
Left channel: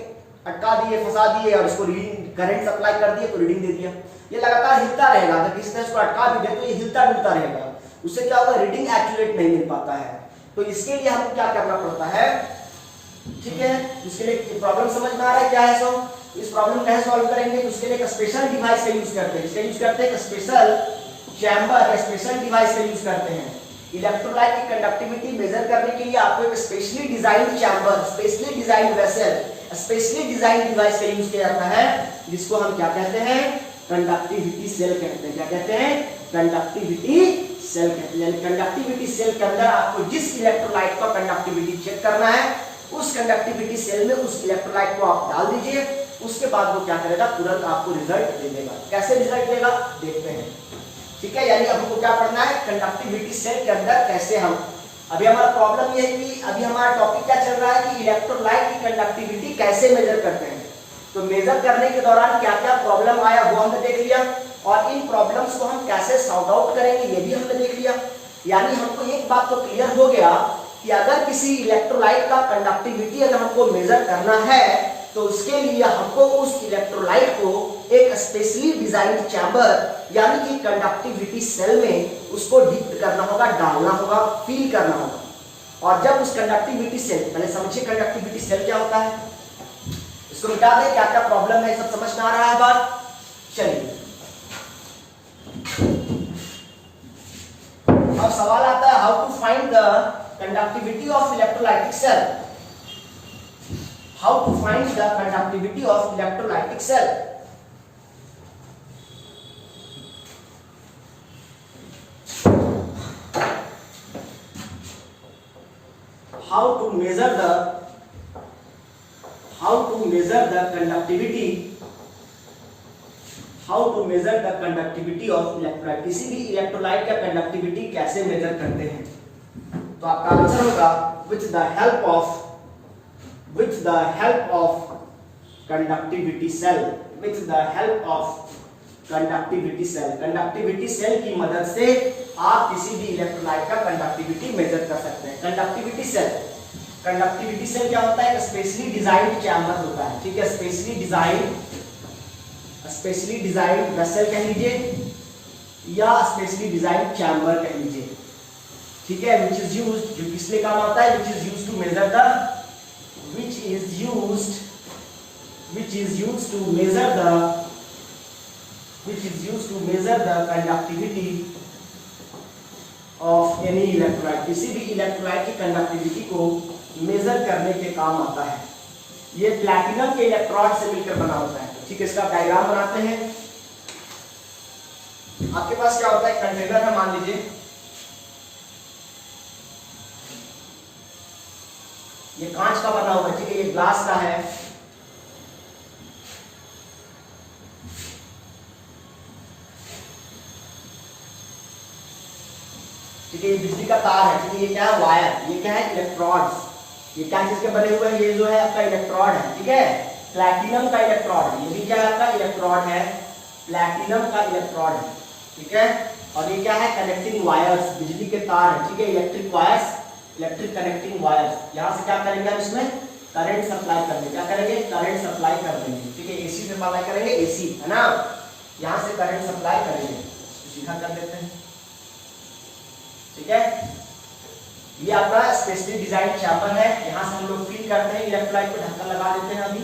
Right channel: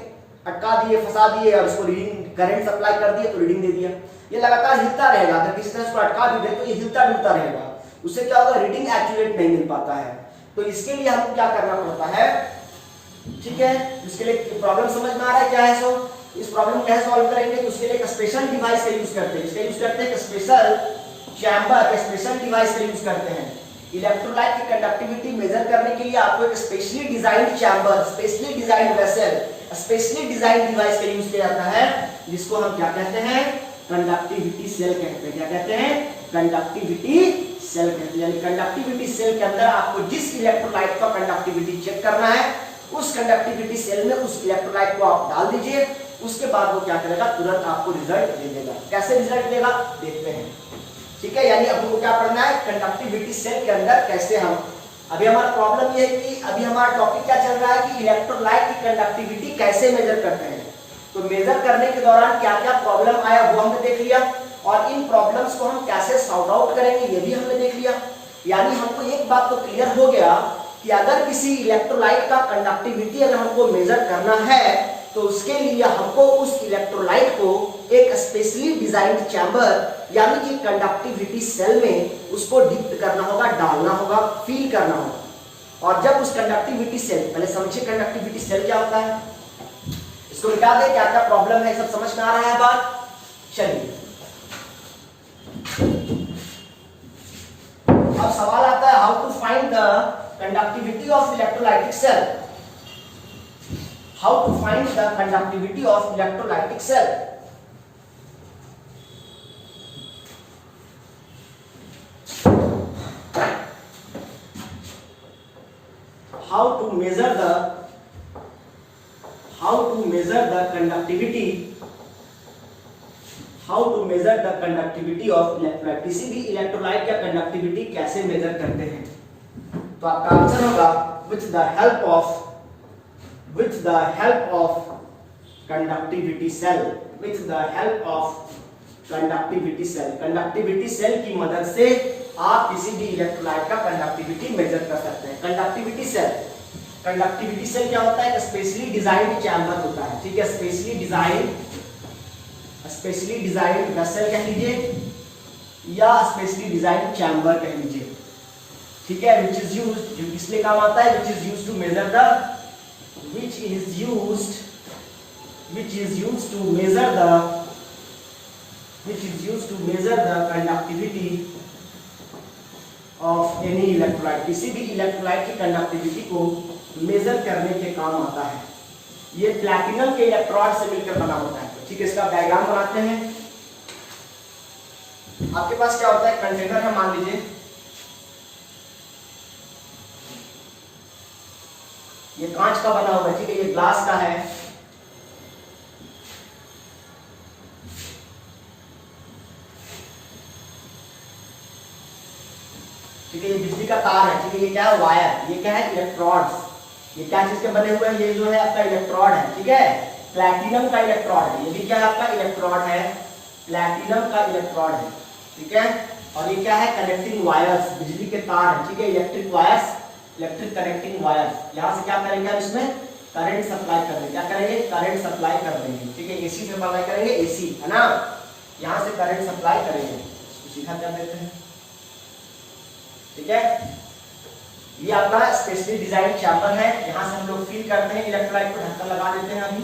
अटका दिए, फंसा दिए और इसको रीडिंग करंट सप्लाई कर दिए तो रीडिंग दे दिया। ये लगातार हिलता रहेगा, अगर किसी तरह इसको अटका भी दे तो ये हिलता डुलता रहेगा, उससे क्या होगा, रीडिंग एक्यूरेट नहीं मिल पाता है। तो इसके लिए हमको क्या करना पड़ता है, ठीक है। इसके लिए प्रॉब्लम समझ में आ रहा है क्या है सब, इस प्रॉब्लम कैसे सॉल्व करेंगे, तो उसके लिए एक स्पेशल डिवाइस का यूज करते हैं। इसका यूज करते हैं स्पेशल चैम्बर, स्पेशल डिवाइस का यूज करते हैं। इलेक्ट्रोलाइट की कंडक्टिविटी मेजर करने के लिए आपको एक specially designed chamber, specially designed vessel, specially designed device का यूज किया जाता है, जिसको हम क्या कहते हैं, कंडक्टिविटी सेल कहते हैं। क्या कहते हैं, कंडक्टिविटी सेल कहते हैं। यानी कंडक्टिविटी सेल के अंदर आपको जिस इलेक्ट्रोलाइट का कंडक्टिविटी चेक करना है, उस कंडक्टिविटी सेल में उस इलेक्ट्रोलाइट को आप डाल दीजिए, उसके बाद वो क्या करेगा, तुरंत आपको रिजल्ट दे देगा। कैसे रिजल्ट देगा देखते हैं, ठीक है। यानी अब हमको क्या पढ़ना है, कंडक्टिविटी सेल के अंदर कैसे हम, अभी हमारा प्रॉब्लम ये है कि अभी हमारा टॉपिक क्या चल रहा है कि इलेक्ट्रोलाइट की कंडक्टिविटी कैसे मेजर करते हैं। तो मेजर करने के दौरान क्या क्या प्रॉब्लम आया वो हमने देख लिया, और इन प्रॉब्लम्स को हम कैसे सॉर्ट आउट करेंगे ये भी हमने देख लिया। यानी हमको एक बात तो क्लियर हो गया कि अगर किसी इलेक्ट्रोलाइट का कंडक्टिविटी अगर हमको मेजर करना है, तो उसके लिए हमको उस इलेक्ट्रोलाइट को एक स्पेशली डिजाइंड चैम्बर यानी कि कंडक्टिविटी सेल में उसको डिप करना होगा, डालना होगा, फील करना होगा। और जब उस कंडक्टिविटी सेल, पहले समझिए कंडक्टिविटी सेल क्या होता है, इसको मिटा दे, क्या क्या प्रॉब्लम है सब समझ में आ रहा है बात। चलिए अब सवाल आता है, how to find the conductivity of electrolytic cell. How to find the conductivity of electrolytic cell? How to measure the conductivity? How to measure the conductivity of electrolyte? किसी भी इलेक्ट्रोलाइट का कंडक्टिविटी कैसे मेजर करते हैं, तो आपका answer होगा with the help of conductivity cell, with the help of conductivity cell। Conductivity cell की मदद से आप किसी भी इलेक्ट्रोलाइट का कंडक्टिविटी मेजर कर सकते हैं। कंडक्टिविटी सेल क्या होता है, स्पेशली डिजाइंड चैम्बर होता है, ठीक है। स्पेशली डिजाइंड वेसल कह लीजिए या स्पेशली डिजाइंड चैम्बर कह लीजिए, ठीक है। विच इज यूज्ड, जो किस लिए काम आता है, which is used to measure the which is used to measure the conductivity of any electrolyte। किसी भी इलेक्ट्रोलाइट की कंडक्टिविटी को मेजर करने के काम आता है। ये प्लैटिनम के इलेक्ट्रोड से मिलकर बना होता है, ठीक है। इसका डायग्राम बनाते हैं। आपके पास क्या होता है, कंटेनर है मान लीजिए, ये कांच का बना हुआ है, ठीक है, ये ग्लास का है, ठीक है। ये बिजली का तार है, ठीक है। ये क्या है, वायर। ये क्या है, इलेक्ट्रोड्स। ये क्या चीज के बने हुए हैं, ये जो है आपका इलेक्ट्रोड है, ठीक है। प्लैटिनम का इलेक्ट्रोड है, ये भी क्या है आपका इलेक्ट्रोड है, प्लैटिनम का इलेक्ट्रोड है, ठीक है। और ये क्या है, कनेक्टिंग वायर्स, बिजली के तार है, ठीक है, electric wires, electric connecting wires. यहां से क्या करेंगे हम, इसमें करंट सप्लाई कर देंगे। क्या करेंगे, करंट सप्लाई कर देंगे, ठीक है। एसी से सप्लाई करेंगे, एसी है ना, यहां से करंट सप्लाई करेंगे। सीधा कर देते हैं, ठीक है। ये आपका स्पेशली डिजाइन चैम्बर है, यहां से हम लोग फील करते हैं इलेक्ट्रोलाइट को, ढक्कन लगा देते हैं अभी,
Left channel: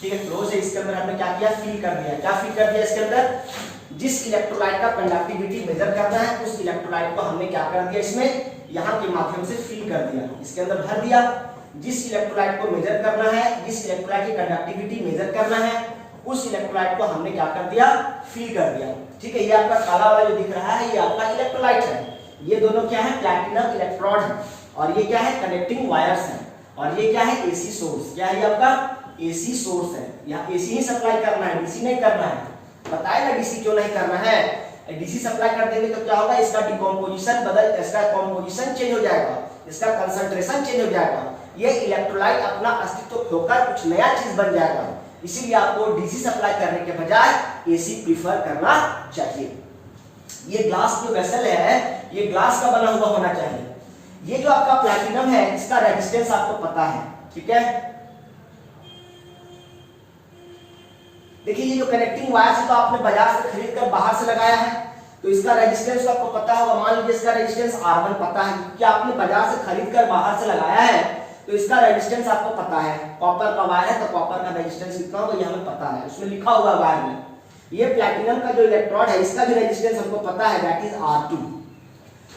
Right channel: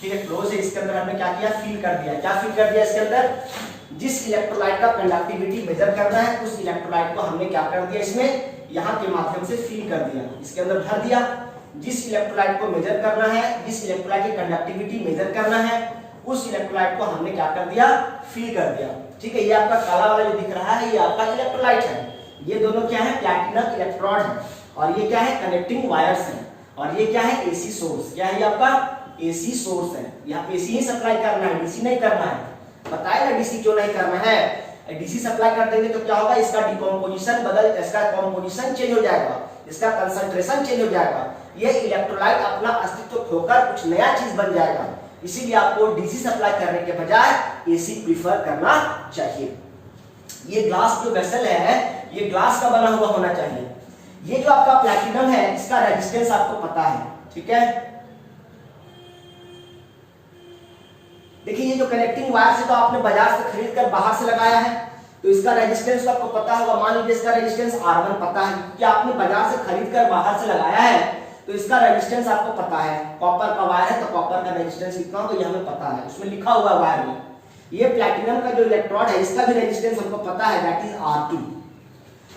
ठीक है। क्लोज है, इसके अंदर हमने क्या किया, फील कर दिया। क्या फील कर दिया, इसके अंदर जिस इलेक्ट्रोलाइट का कंडक्टिविटी मेजर करना है, उस इलेक्ट्रोलाइट को हमने क्या कर दिया, इसमें यहाँ के माध्यम से फील कर दिया, इसके अंदर भर दिया। जिस इलेक्ट्रोलाइट को मेजर करना है, जिस इलेक्ट्रोलाइट की कंडक्टिविटी मेजर करना है, उस इलेक्ट्रोलाइट को हमने क्या कर दिया, फील कर दिया, ठीक है। ये आपका काला वाला जो दिख रहा है, ये आपका इलेक्ट्रोलाइट है। ये दोनों क्या है, प्लैटिनम इलेक्ट्रोड है, और ये क्या है, कनेक्टिंग वायर्स है। और ये क्या है, एसी सोर्स। क्या है, ये आपका एसी सोर्स है। यहाँ एसी ही सप्लाई करना है, डीसी नहीं करना है। बताया ना डीसी क्यों नहीं करना है, डीसी सप्लाई कर देंगे तो क्या होगा, इसका डिकम्पोजिशन इसका कॉम्पोजिशन चेंज हो जाएगा, इसका कंसंट्रेशन चेंज हो जाएगा। ये इलेक्ट्रोलाइट अपना अस्तित्व खोकर कुछ नया चीज बन जाएगा। इसीलिए आपको डीसी सप्लाई करने के बजाय एसी प्रीफर करना चाहिए। ये ग्लास जो वेसल है, ये ग्लास का बना हुआ होना चाहिए। ये जो आपका प्लैटिनम है, इसका रेजिस्टेंस आपको पता है, ठीक है। देखिए ये जो कनेक्टिंग वायर से तो आपने बाजार से खरीद कर बाहर से लगाया है, तो इसका रेजिस्टेंस तो आपको पता होगा, मान लीजिए इसका रेजिस्टेंस R1 पता है कि आपने बाजार से खरीद कर बाहर से लगाया है, तो इसका रेजिस्टेंस आपको पता है। कॉपर का वायर है तो कॉपर का रेजिस्टेंस कितना होगा ये हमें पता है, उसमें लिखा हुआ है वायर में। ये प्लैटिनम का जो इलेक्ट्रोड है इसका भी रेजिस्टेंस हमको पता है, दैट इज R2।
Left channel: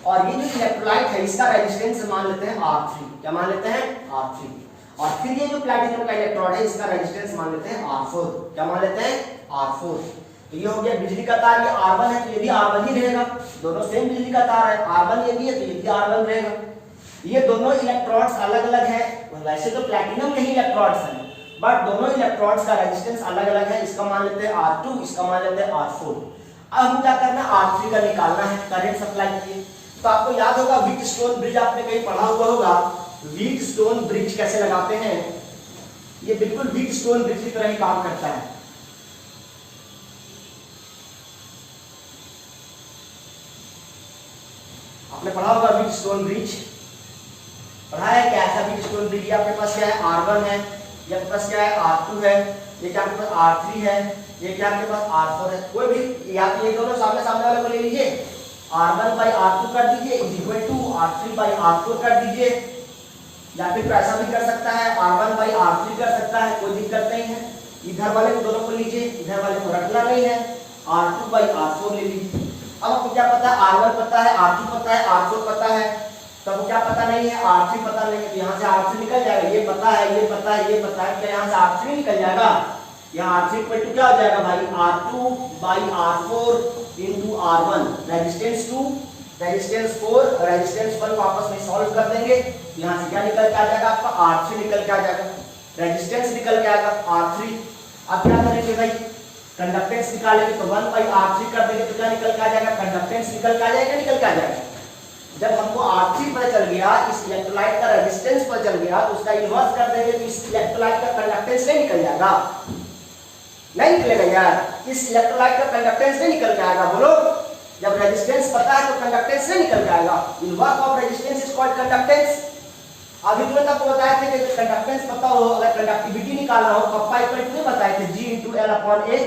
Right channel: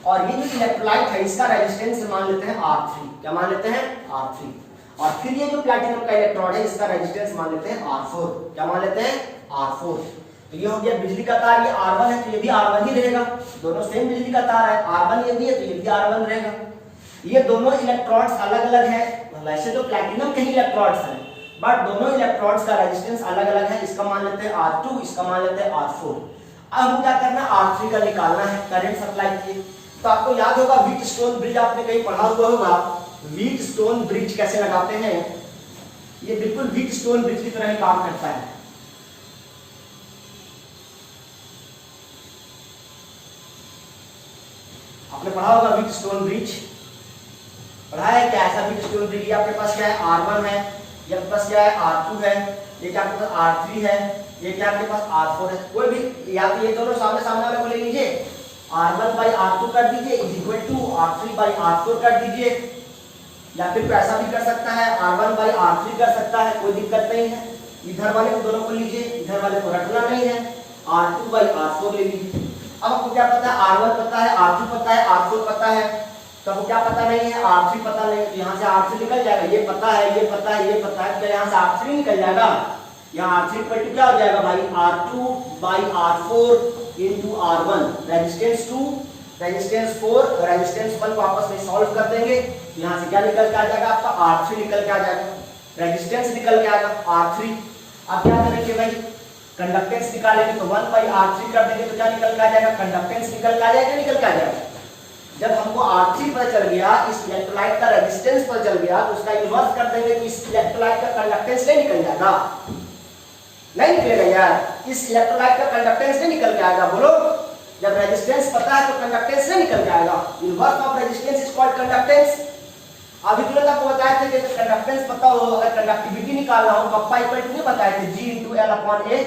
और ये जो इलेक्ट्रोलाइट है इसका रेजिस्टेंस मान लेते हैं R3। क्या मान लेते हैं? R3। और फिर ये जो प्लैटिनम का इलेक्ट्रोड है इसका रेजिस्टेंस मान लेते हैं R4। क्या मान लेते हैं? R4। तो ये हो गया बिजली का तार, ये R1 है तो ये भी R1 ही रहेगा, दोनों सेम बिजली का तार है। R1 ये भी है तो ये भी R1 रहेगा। ये दोनों इलेक्ट्रोड्स अलग अलग है, वैसे तो प्लैटिनम के ही इलेक्ट्रोड्स हैं, बट दोनों इलेक्ट्रोड्स का रेजिस्टेंस अलग अलग है। इसका मान लेते हैं R2, इसका मान लेते हैं R4। अब हम क्या करना है? R3 का निकालना है, करंट सप्लाई किए। तो आपको याद होगा व्हीटस्टोन ब्रिज आपने कहीं पढ़ा हुआ होगा, व्हीटस्टोन ब्रिज कैसे लगाते हैं। ये बिल्कुल व्हीटस्टोन ब्रिज की तरह ही काम करता है। आपने पढ़ा होगा व्हीटस्टोन ब्रिज, पढ़ा है क्या? ऐसा व्हीटस्टोन ब्रिज, ये आपके पास क्या है? R1 है, ये आपके पास क्या है? R2 है, ये क्या आपके पास R3 है, ये क्या आपके पास R4 है। कोई भी या तो ये दोनों सामने सामने वाले को ले लीजिए, R1 by R2 कर दीजिए is equal to R3 by R4 कर दीजिए, या फिर ऐसा भी कर सकता है R1 by R3 कर सकता है, कोई दिक्कत नहीं है। इधर वाले को दोनों को लीजिए, इधर वाले को रखना नहीं है, R2 by R4 ले लीजिए। अब आपको क्या पता है? R1 पता है, R2 पता है, R4 पता है, तो आपको क्या पता नहीं है? R3 पता नहीं है, तो यहाँ से R3 निकल जाएगा। ये पता है, ये पता है, ये पता है, क्या यहाँ से R3 निकल जाएगा? यहाँ R3 इक्वल टू क्या हो जाएगा भाई? R2 by R4 into R1, resistance 2, resistance 4, resistance 1 को आपस में सॉल्व कर देंगे, यहाँ से क्या निकल के आ जाएगा? आपका R3 निकल के आ जाएगा, रेजिस्टेंस निकल के आएगा R3। अब क्या करेंगे भाई? कंडक्टेंस निकालेंगे तो 1 by R3 कर देंगे तो क्या निकल के आ जाएगा? कंडक्टेंस निकल के आ जाएगा, निकल के आ जाएगा। जब हमको R3 पता चल गया, इस इलेक्ट्रोलाइट का रेजिस्टेंस पता चल गया, तो उसका इन्वर्स कर देंगे तो इस इलेक्ट्रोलाइट का कंडक्टेंस नहीं निकल जाएगा? नहीं निकलेगा यार, इस इलेक्ट्रोलाइट का कंडक्टेंस नहीं निकल के आएगा। बोलो, जब रेजिस्टेंस पता है तो कंडक्टेंस नहीं निकल के आएगा। Inverse of resistance is called conductance. अभी तुमने तक बताए थे कि कंडक्टेंस पता हो, अगर कंडक्टिविटी निकालना हो, कप्पा इक्वल टू बताए थे G into L upon A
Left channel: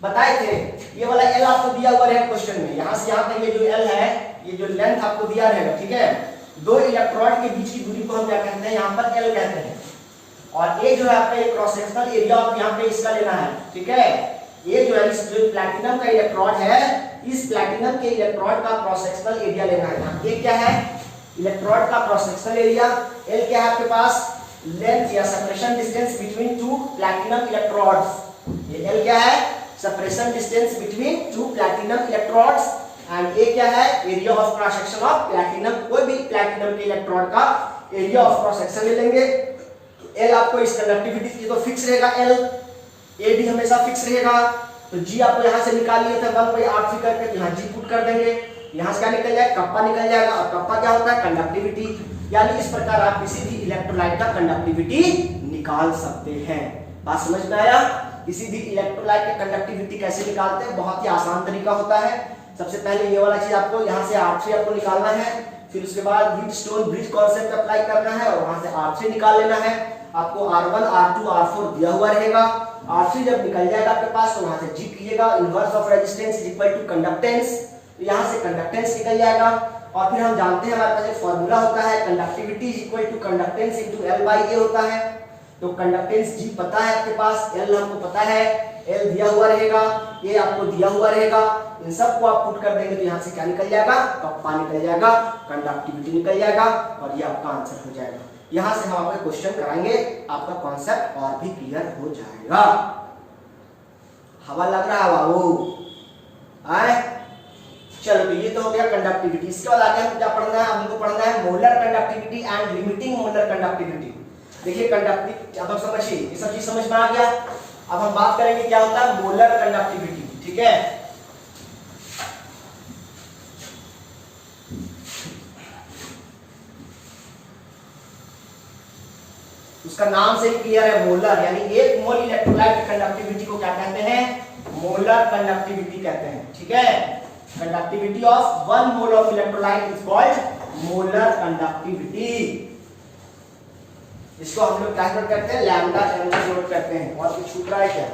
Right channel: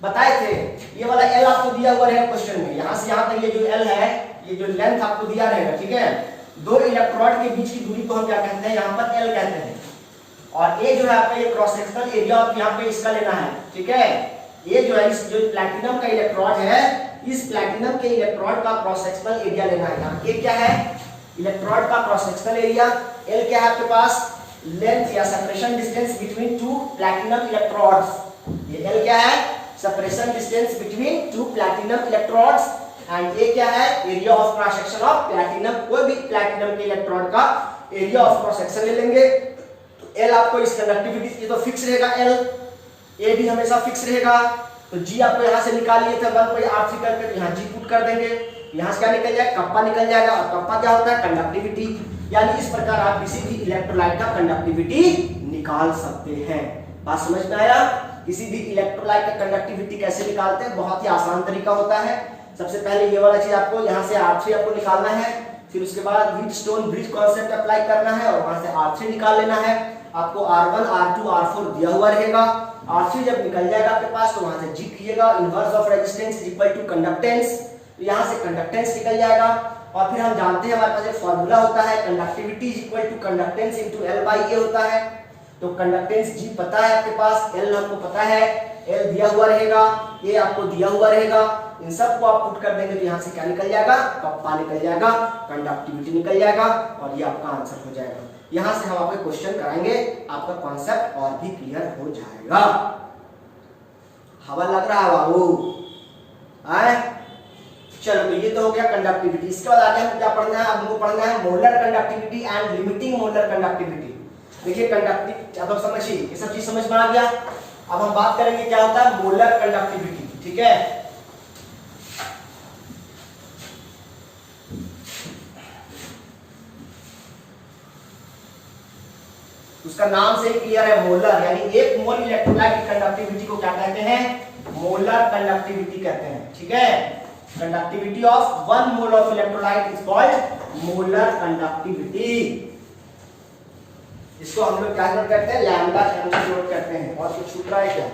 बताए थे। ये वाला L आपको दिया हुआ है क्वेश्चन में, यहाँ से यहाँ तक ये जो L है, ये जो लेंथ आपको दिया रहेगा, ठीक है। दो इलेक्ट्रोड के बीच की दूरी को हम क्या कहते हैं? यहाँ पर L कहते हैं। और ये जो है आपका ये क्रॉस सेक्शनल एरिया आप यहाँ पे इसका लेना है, ठीक है। ये जो है इस जो प्लैटिनम का इलेक्ट्रोड है, इस प्लैटिनम के इलेक्ट्रोड का क्रॉस सेक्शनल एरिया लेना है। यहाँ ये क्या है? इलेक्ट्रोड का क्रॉस सेक्शनल एरिया। L क्या है आपके पास? लेंथ या separation distance between two platinum electrodes. ये L क्या है? Separation distance between two platinum electrodes. And ये क्या है? Area of cross section of platinum. कोई भी प्लैटिनम के इलेक्ट्रोड का एरिया ऑफ क्रॉस सेक्शन ले लेंगे। तो L आपको इस कंडक्टिविटी की तो फिक्स रहेगा, L A भी हमेशा फिक्स रहेगा। तो G आपको यहाँ से निकाल लिए थे 1 by R3 करके, यहाँ G पुट कर देंगे, यहाँ से क्या निकल जाएगा? कप्पा निकल जाएगा। और कप्पा क्या होता है? कंडक्टिविटी। यानी इस प्रकार आप किसी भी इलेक्ट्रोलाइट का कंडक्टिविटी निकाल सकते हैं। बात समझ में आया? किसी भी इलेक्ट्रोलाइट का कंडक्टिविटी कैसे निकालते हैं? बहुत ही आसान तरीका होता है। सबसे पहले ये वाला चीज आपको यहाँ से R3 आपको निकालना है, फिर उसके बाद व्हीटस्टोन ब्रिज कॉन्सेप्ट अप्लाई करना है और वहां से R3 निकाल लेना है। आपको R1, R2, R4 दिया हुआ रहेगा। R3 जब निकल जाएगा आपके पास तो वहां से G कीजिएगा, inverse of resistance is equal to conductance. तो यहाँ से कंडक्टेंस निकल जाएगा। और फिर हम जानते हैं हमारे पास एक फॉर्मूला होता है, conductivity is equal to conductance into L by A होता है। तो कंडक्टेंस G पता है आपके पास, L हमको पता है, L दिया हुआ रहेगा, A आपको दिया हुआ रहेगा। इन सब को आप पुट कर देंगे तो यहाँ से क्या निकल जाएगा? कप्पा निकल जाएगा, कंडक्टिविटी निकल जाएगा और ये आपका आंसर हो जाएगा। यहाँ से हम आपको क्वेश्चन कराएंगे, आपका कॉन्सेप्ट और भी क्लियर हो जाएगा। हवा लग रहा है बाबू? आए चलो, तो ये तो हो गया कंडक्टिविटी। इसके बाद आगे हम क्या पढ़ना है? हमको पढ़ना है molar conductivity and limiting molar conductivity. देखिए कंडक्टिविटी अब हम समझिए, ये सब चीज समझ में आ गया। अब हम बात करेंगे क्या होता है मोलर कंडक्टिविटी, ठीक है। उसका नाम से ही क्लियर है, मोलर, यानी एक मोल इलेक्ट्रोलाइट की कंडक्टिविटी को क्या कहते हैं? मोलर कंडक्टिविटी कहते हैं, ठीक है। Conductivity of 1 mole of electrolyte is called molar conductivity. इसको हम लोग क्या करते हैं? लैम्डा एम का नोट करते हैं। और कुछ छूट रहा है क्या?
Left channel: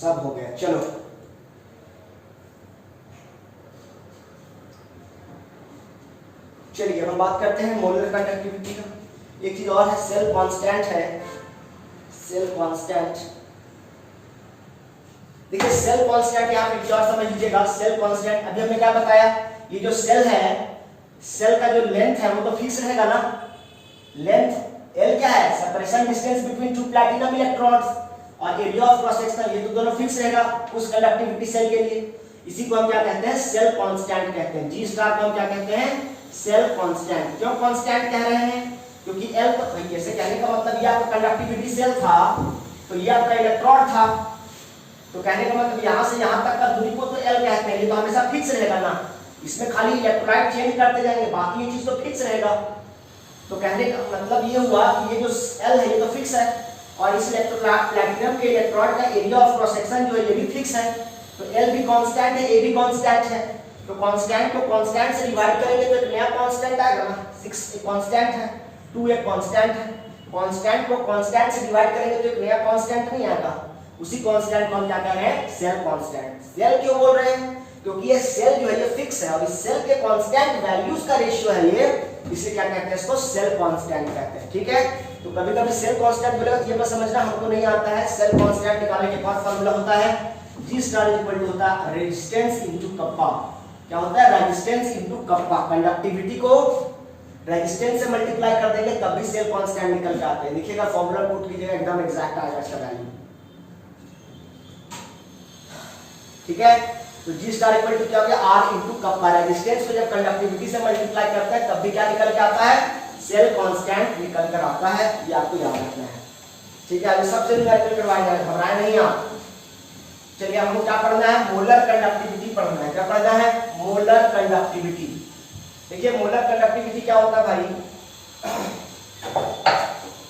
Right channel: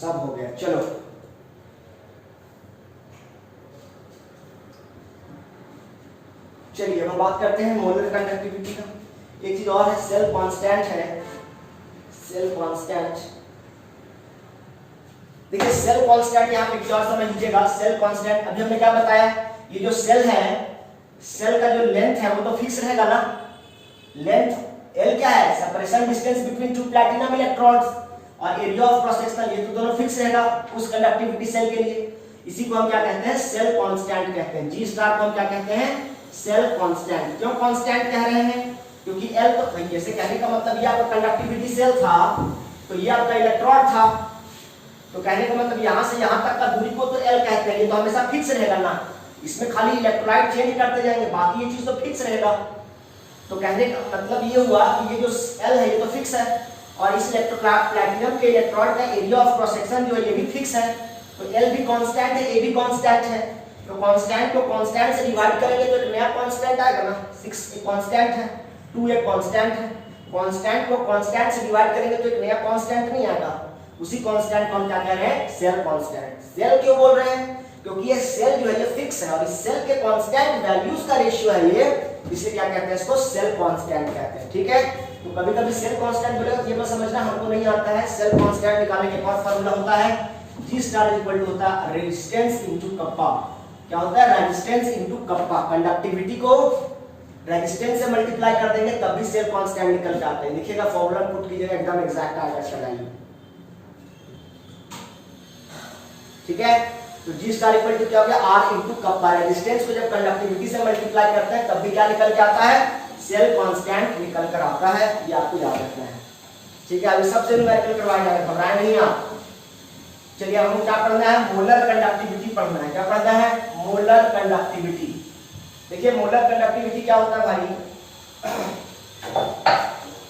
सब हो गया। चलो चलिए हम बात करते हैं मोलर कंडक्टिविटी का। एक चीज और है, सेल कांस्टेंट है, सेल कांस्टेंट। देखिए सेल कांस्टेंट यहाँ पे और समझ लीजिएगा, सेल कांस्टेंट अभी हमने क्या बताया, ये जो सेल है, सेल का जो लेंथ है वो तो फिक्स रहेगा ना। लेंथ L क्या है, separation distance between two platinum electrons, और एरिया ऑफ क्रॉस सेक्शन ये तो दोनों फिक्स रहेगा उस कंडक्टिविटी सेल के लिए। इसी को हम क्या कहते हैं, सेल कांस्टेंट कहते हैं। जी स्टार को हम क्या कहते हैं, सेल कांस्टेंट। क्यों कांस्टेंट कह रहे हैं, क्योंकि L तो भाई ऐसे कहने का मतलब ये आपका कंडक्टिविटी सेल था, तो ये आपका इलेक्ट्रॉन था, तो कहने का मतलब यहां से यहां तक का दूरी को तो L कहते हैं, ये तो हमेशा फिक्स रहेगा ना। इसमें खाली इलेक्ट्रोलाइट चेंज करते जाएंगे, बाकी ये चीज तो फिक्स रहेगा। तो कहने का मतलब ये हुआ कि ये जो L है ये तो फिक्स है, और इस प्लैटिनम के इलेक्ट्रॉन का एरिया ऑफ क्रॉस सेक्शन जो है ये भी फिक्स है। तो L भी कांस्टेंट है, A भी कांस्टेंट है। तो कांस्टेंट को कांस्टेंट से डिवाइड करेंगे तो एक नया कांस्टेंट आएगा ना। 6 एक कांस्टेंट है, 2 एक कांस्टेंट है। कांस्टेंट को कांस्टेंट से डिवाइड करेंगे तो एक नया कांस्टेंट नहीं आएगा। उसी कांस्टेंट को हम क्या कह रहे हैं, सेल कांस्टेंट। सेल क्यों बोल रहे हैं, क्योंकि ये सेल जो है ये फिक्स है, और इस सेल के कांस्टेंट वैल्यूज का रेशियो है ये, इसलिए क्या कहते हैं इसको, सेल कांस्टेंट कहते हैं। ठीक है, तो कभी कभी सेल कांस्टेंट बोलेगा तो ये मत समझना हमको नहीं आता है। सेल कांस्टेंट निकालने के बाद फार्मूला होता है G स्टार इक्वल टू होता है रेजिस्टेंस इनटू कप्पा। क्या होता है, रेजिस्टेंस इनटू कप्पा। कंडक्टिविटी को रेजिस्टेंस से मल्टीप्लाई कर देंगे तब भी सेल कांस्टेंट निकल के आते हैं। देखिएगा फार्मूला पुट कीजिएगा, एकदम एग्जैक्ट आएगा इसका वैल्यू। ठीक है, तो G स्टार इक्वल टू क्या हो गया, R इनटू कप्पा। रेजिस्टेंस को जब कंडक्टिविटी से मल्टीप्लाई करते हैं तब भी क्या निकल के आता है, सेल कांस्टेंट निकल कर आता है। ये आपको याद रखना है। ठीक है, अभी सबसे न्यूमेरिकल करवाएगा, घबराए नहीं आप। चलिए हमको क्या पढ़ना है, मोलर कंडक्टिविटी पढ़ना है। क्या पढ़ना है, मोलर कंडक्टिविटी। देखिए मोलर कंडक्टिविटी क्या होता है भाई,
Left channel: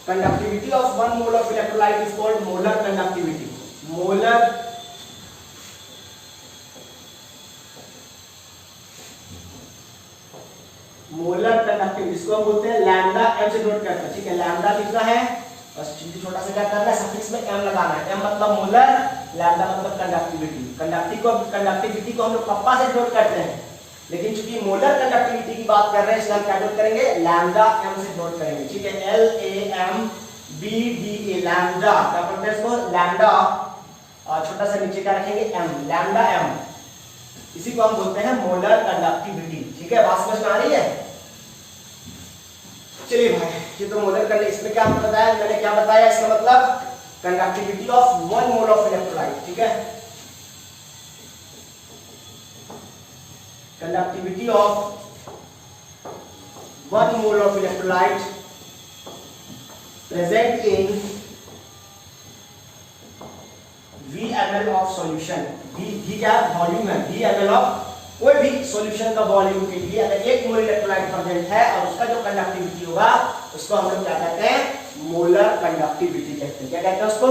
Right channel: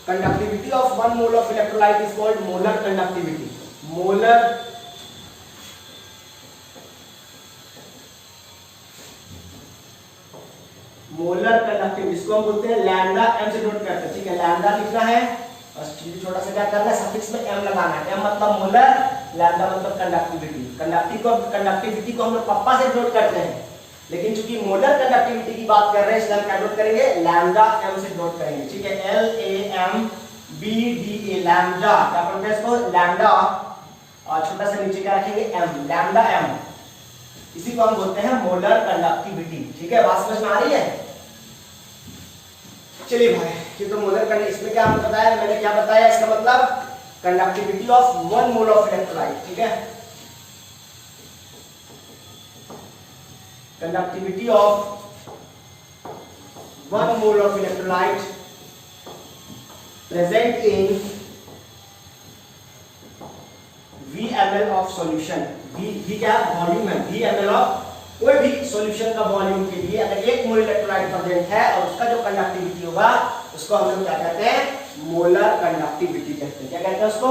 conductivity of 1 mole of electrolyte is called molar conductivity. Molar conductivity इसको हम बोलते हैं लैम्डा एम से नोट करते हैं। ठीक है, लैम्डा लिखना है, बस छोटा सा क्या करना है, सफिक्स में एम लगाना है। एम मतलब मोलर, लैम्डा मतलब कंडक्टिविटी। कंडक्टिविटी को हम लोग कप्पा से नोट करते हैं, लेकिन चूंकि मोलर कंडक्टिविटी की बात कर रहे हैं इसलिए हम क्या नोट करेंगे, लैम्डा एम से नोट करेंगे। ठीक है, LAMBDA लैम्डा। क्या पढ़ते हैं इसको, लैम्डा, और छोटा सा नीचे क्या रखेंगे, एम, लैम्डा एम। इसी को हम बोलते हैं मोलर कंडक्टिविटी। ठीक है, बात समझ में आ रही है। चलिए भाई, ये तो मोलर कंडक्टिविटी, इसमें क्या बताया मैंने, क्या बताया, इसका मतलब conductivity of 1 mole of electrolyte. ठीक है, conductivity of 1 mole of electrolyte present in VmL of solution. V क्या वॉल्यूम है, VmL ऑफ कोई भी सॉल्यूशन का वॉल्यूम के लिए अगर 1 मोल इलेक्ट्रोलाइट प्रेजेंट है और उसका जो कंडक्टिविटी होगा उसको हम लोग क्या कहते हैं, मोलर कंडक्टिविटी कहते हैं। क्या कहते हैं उसको,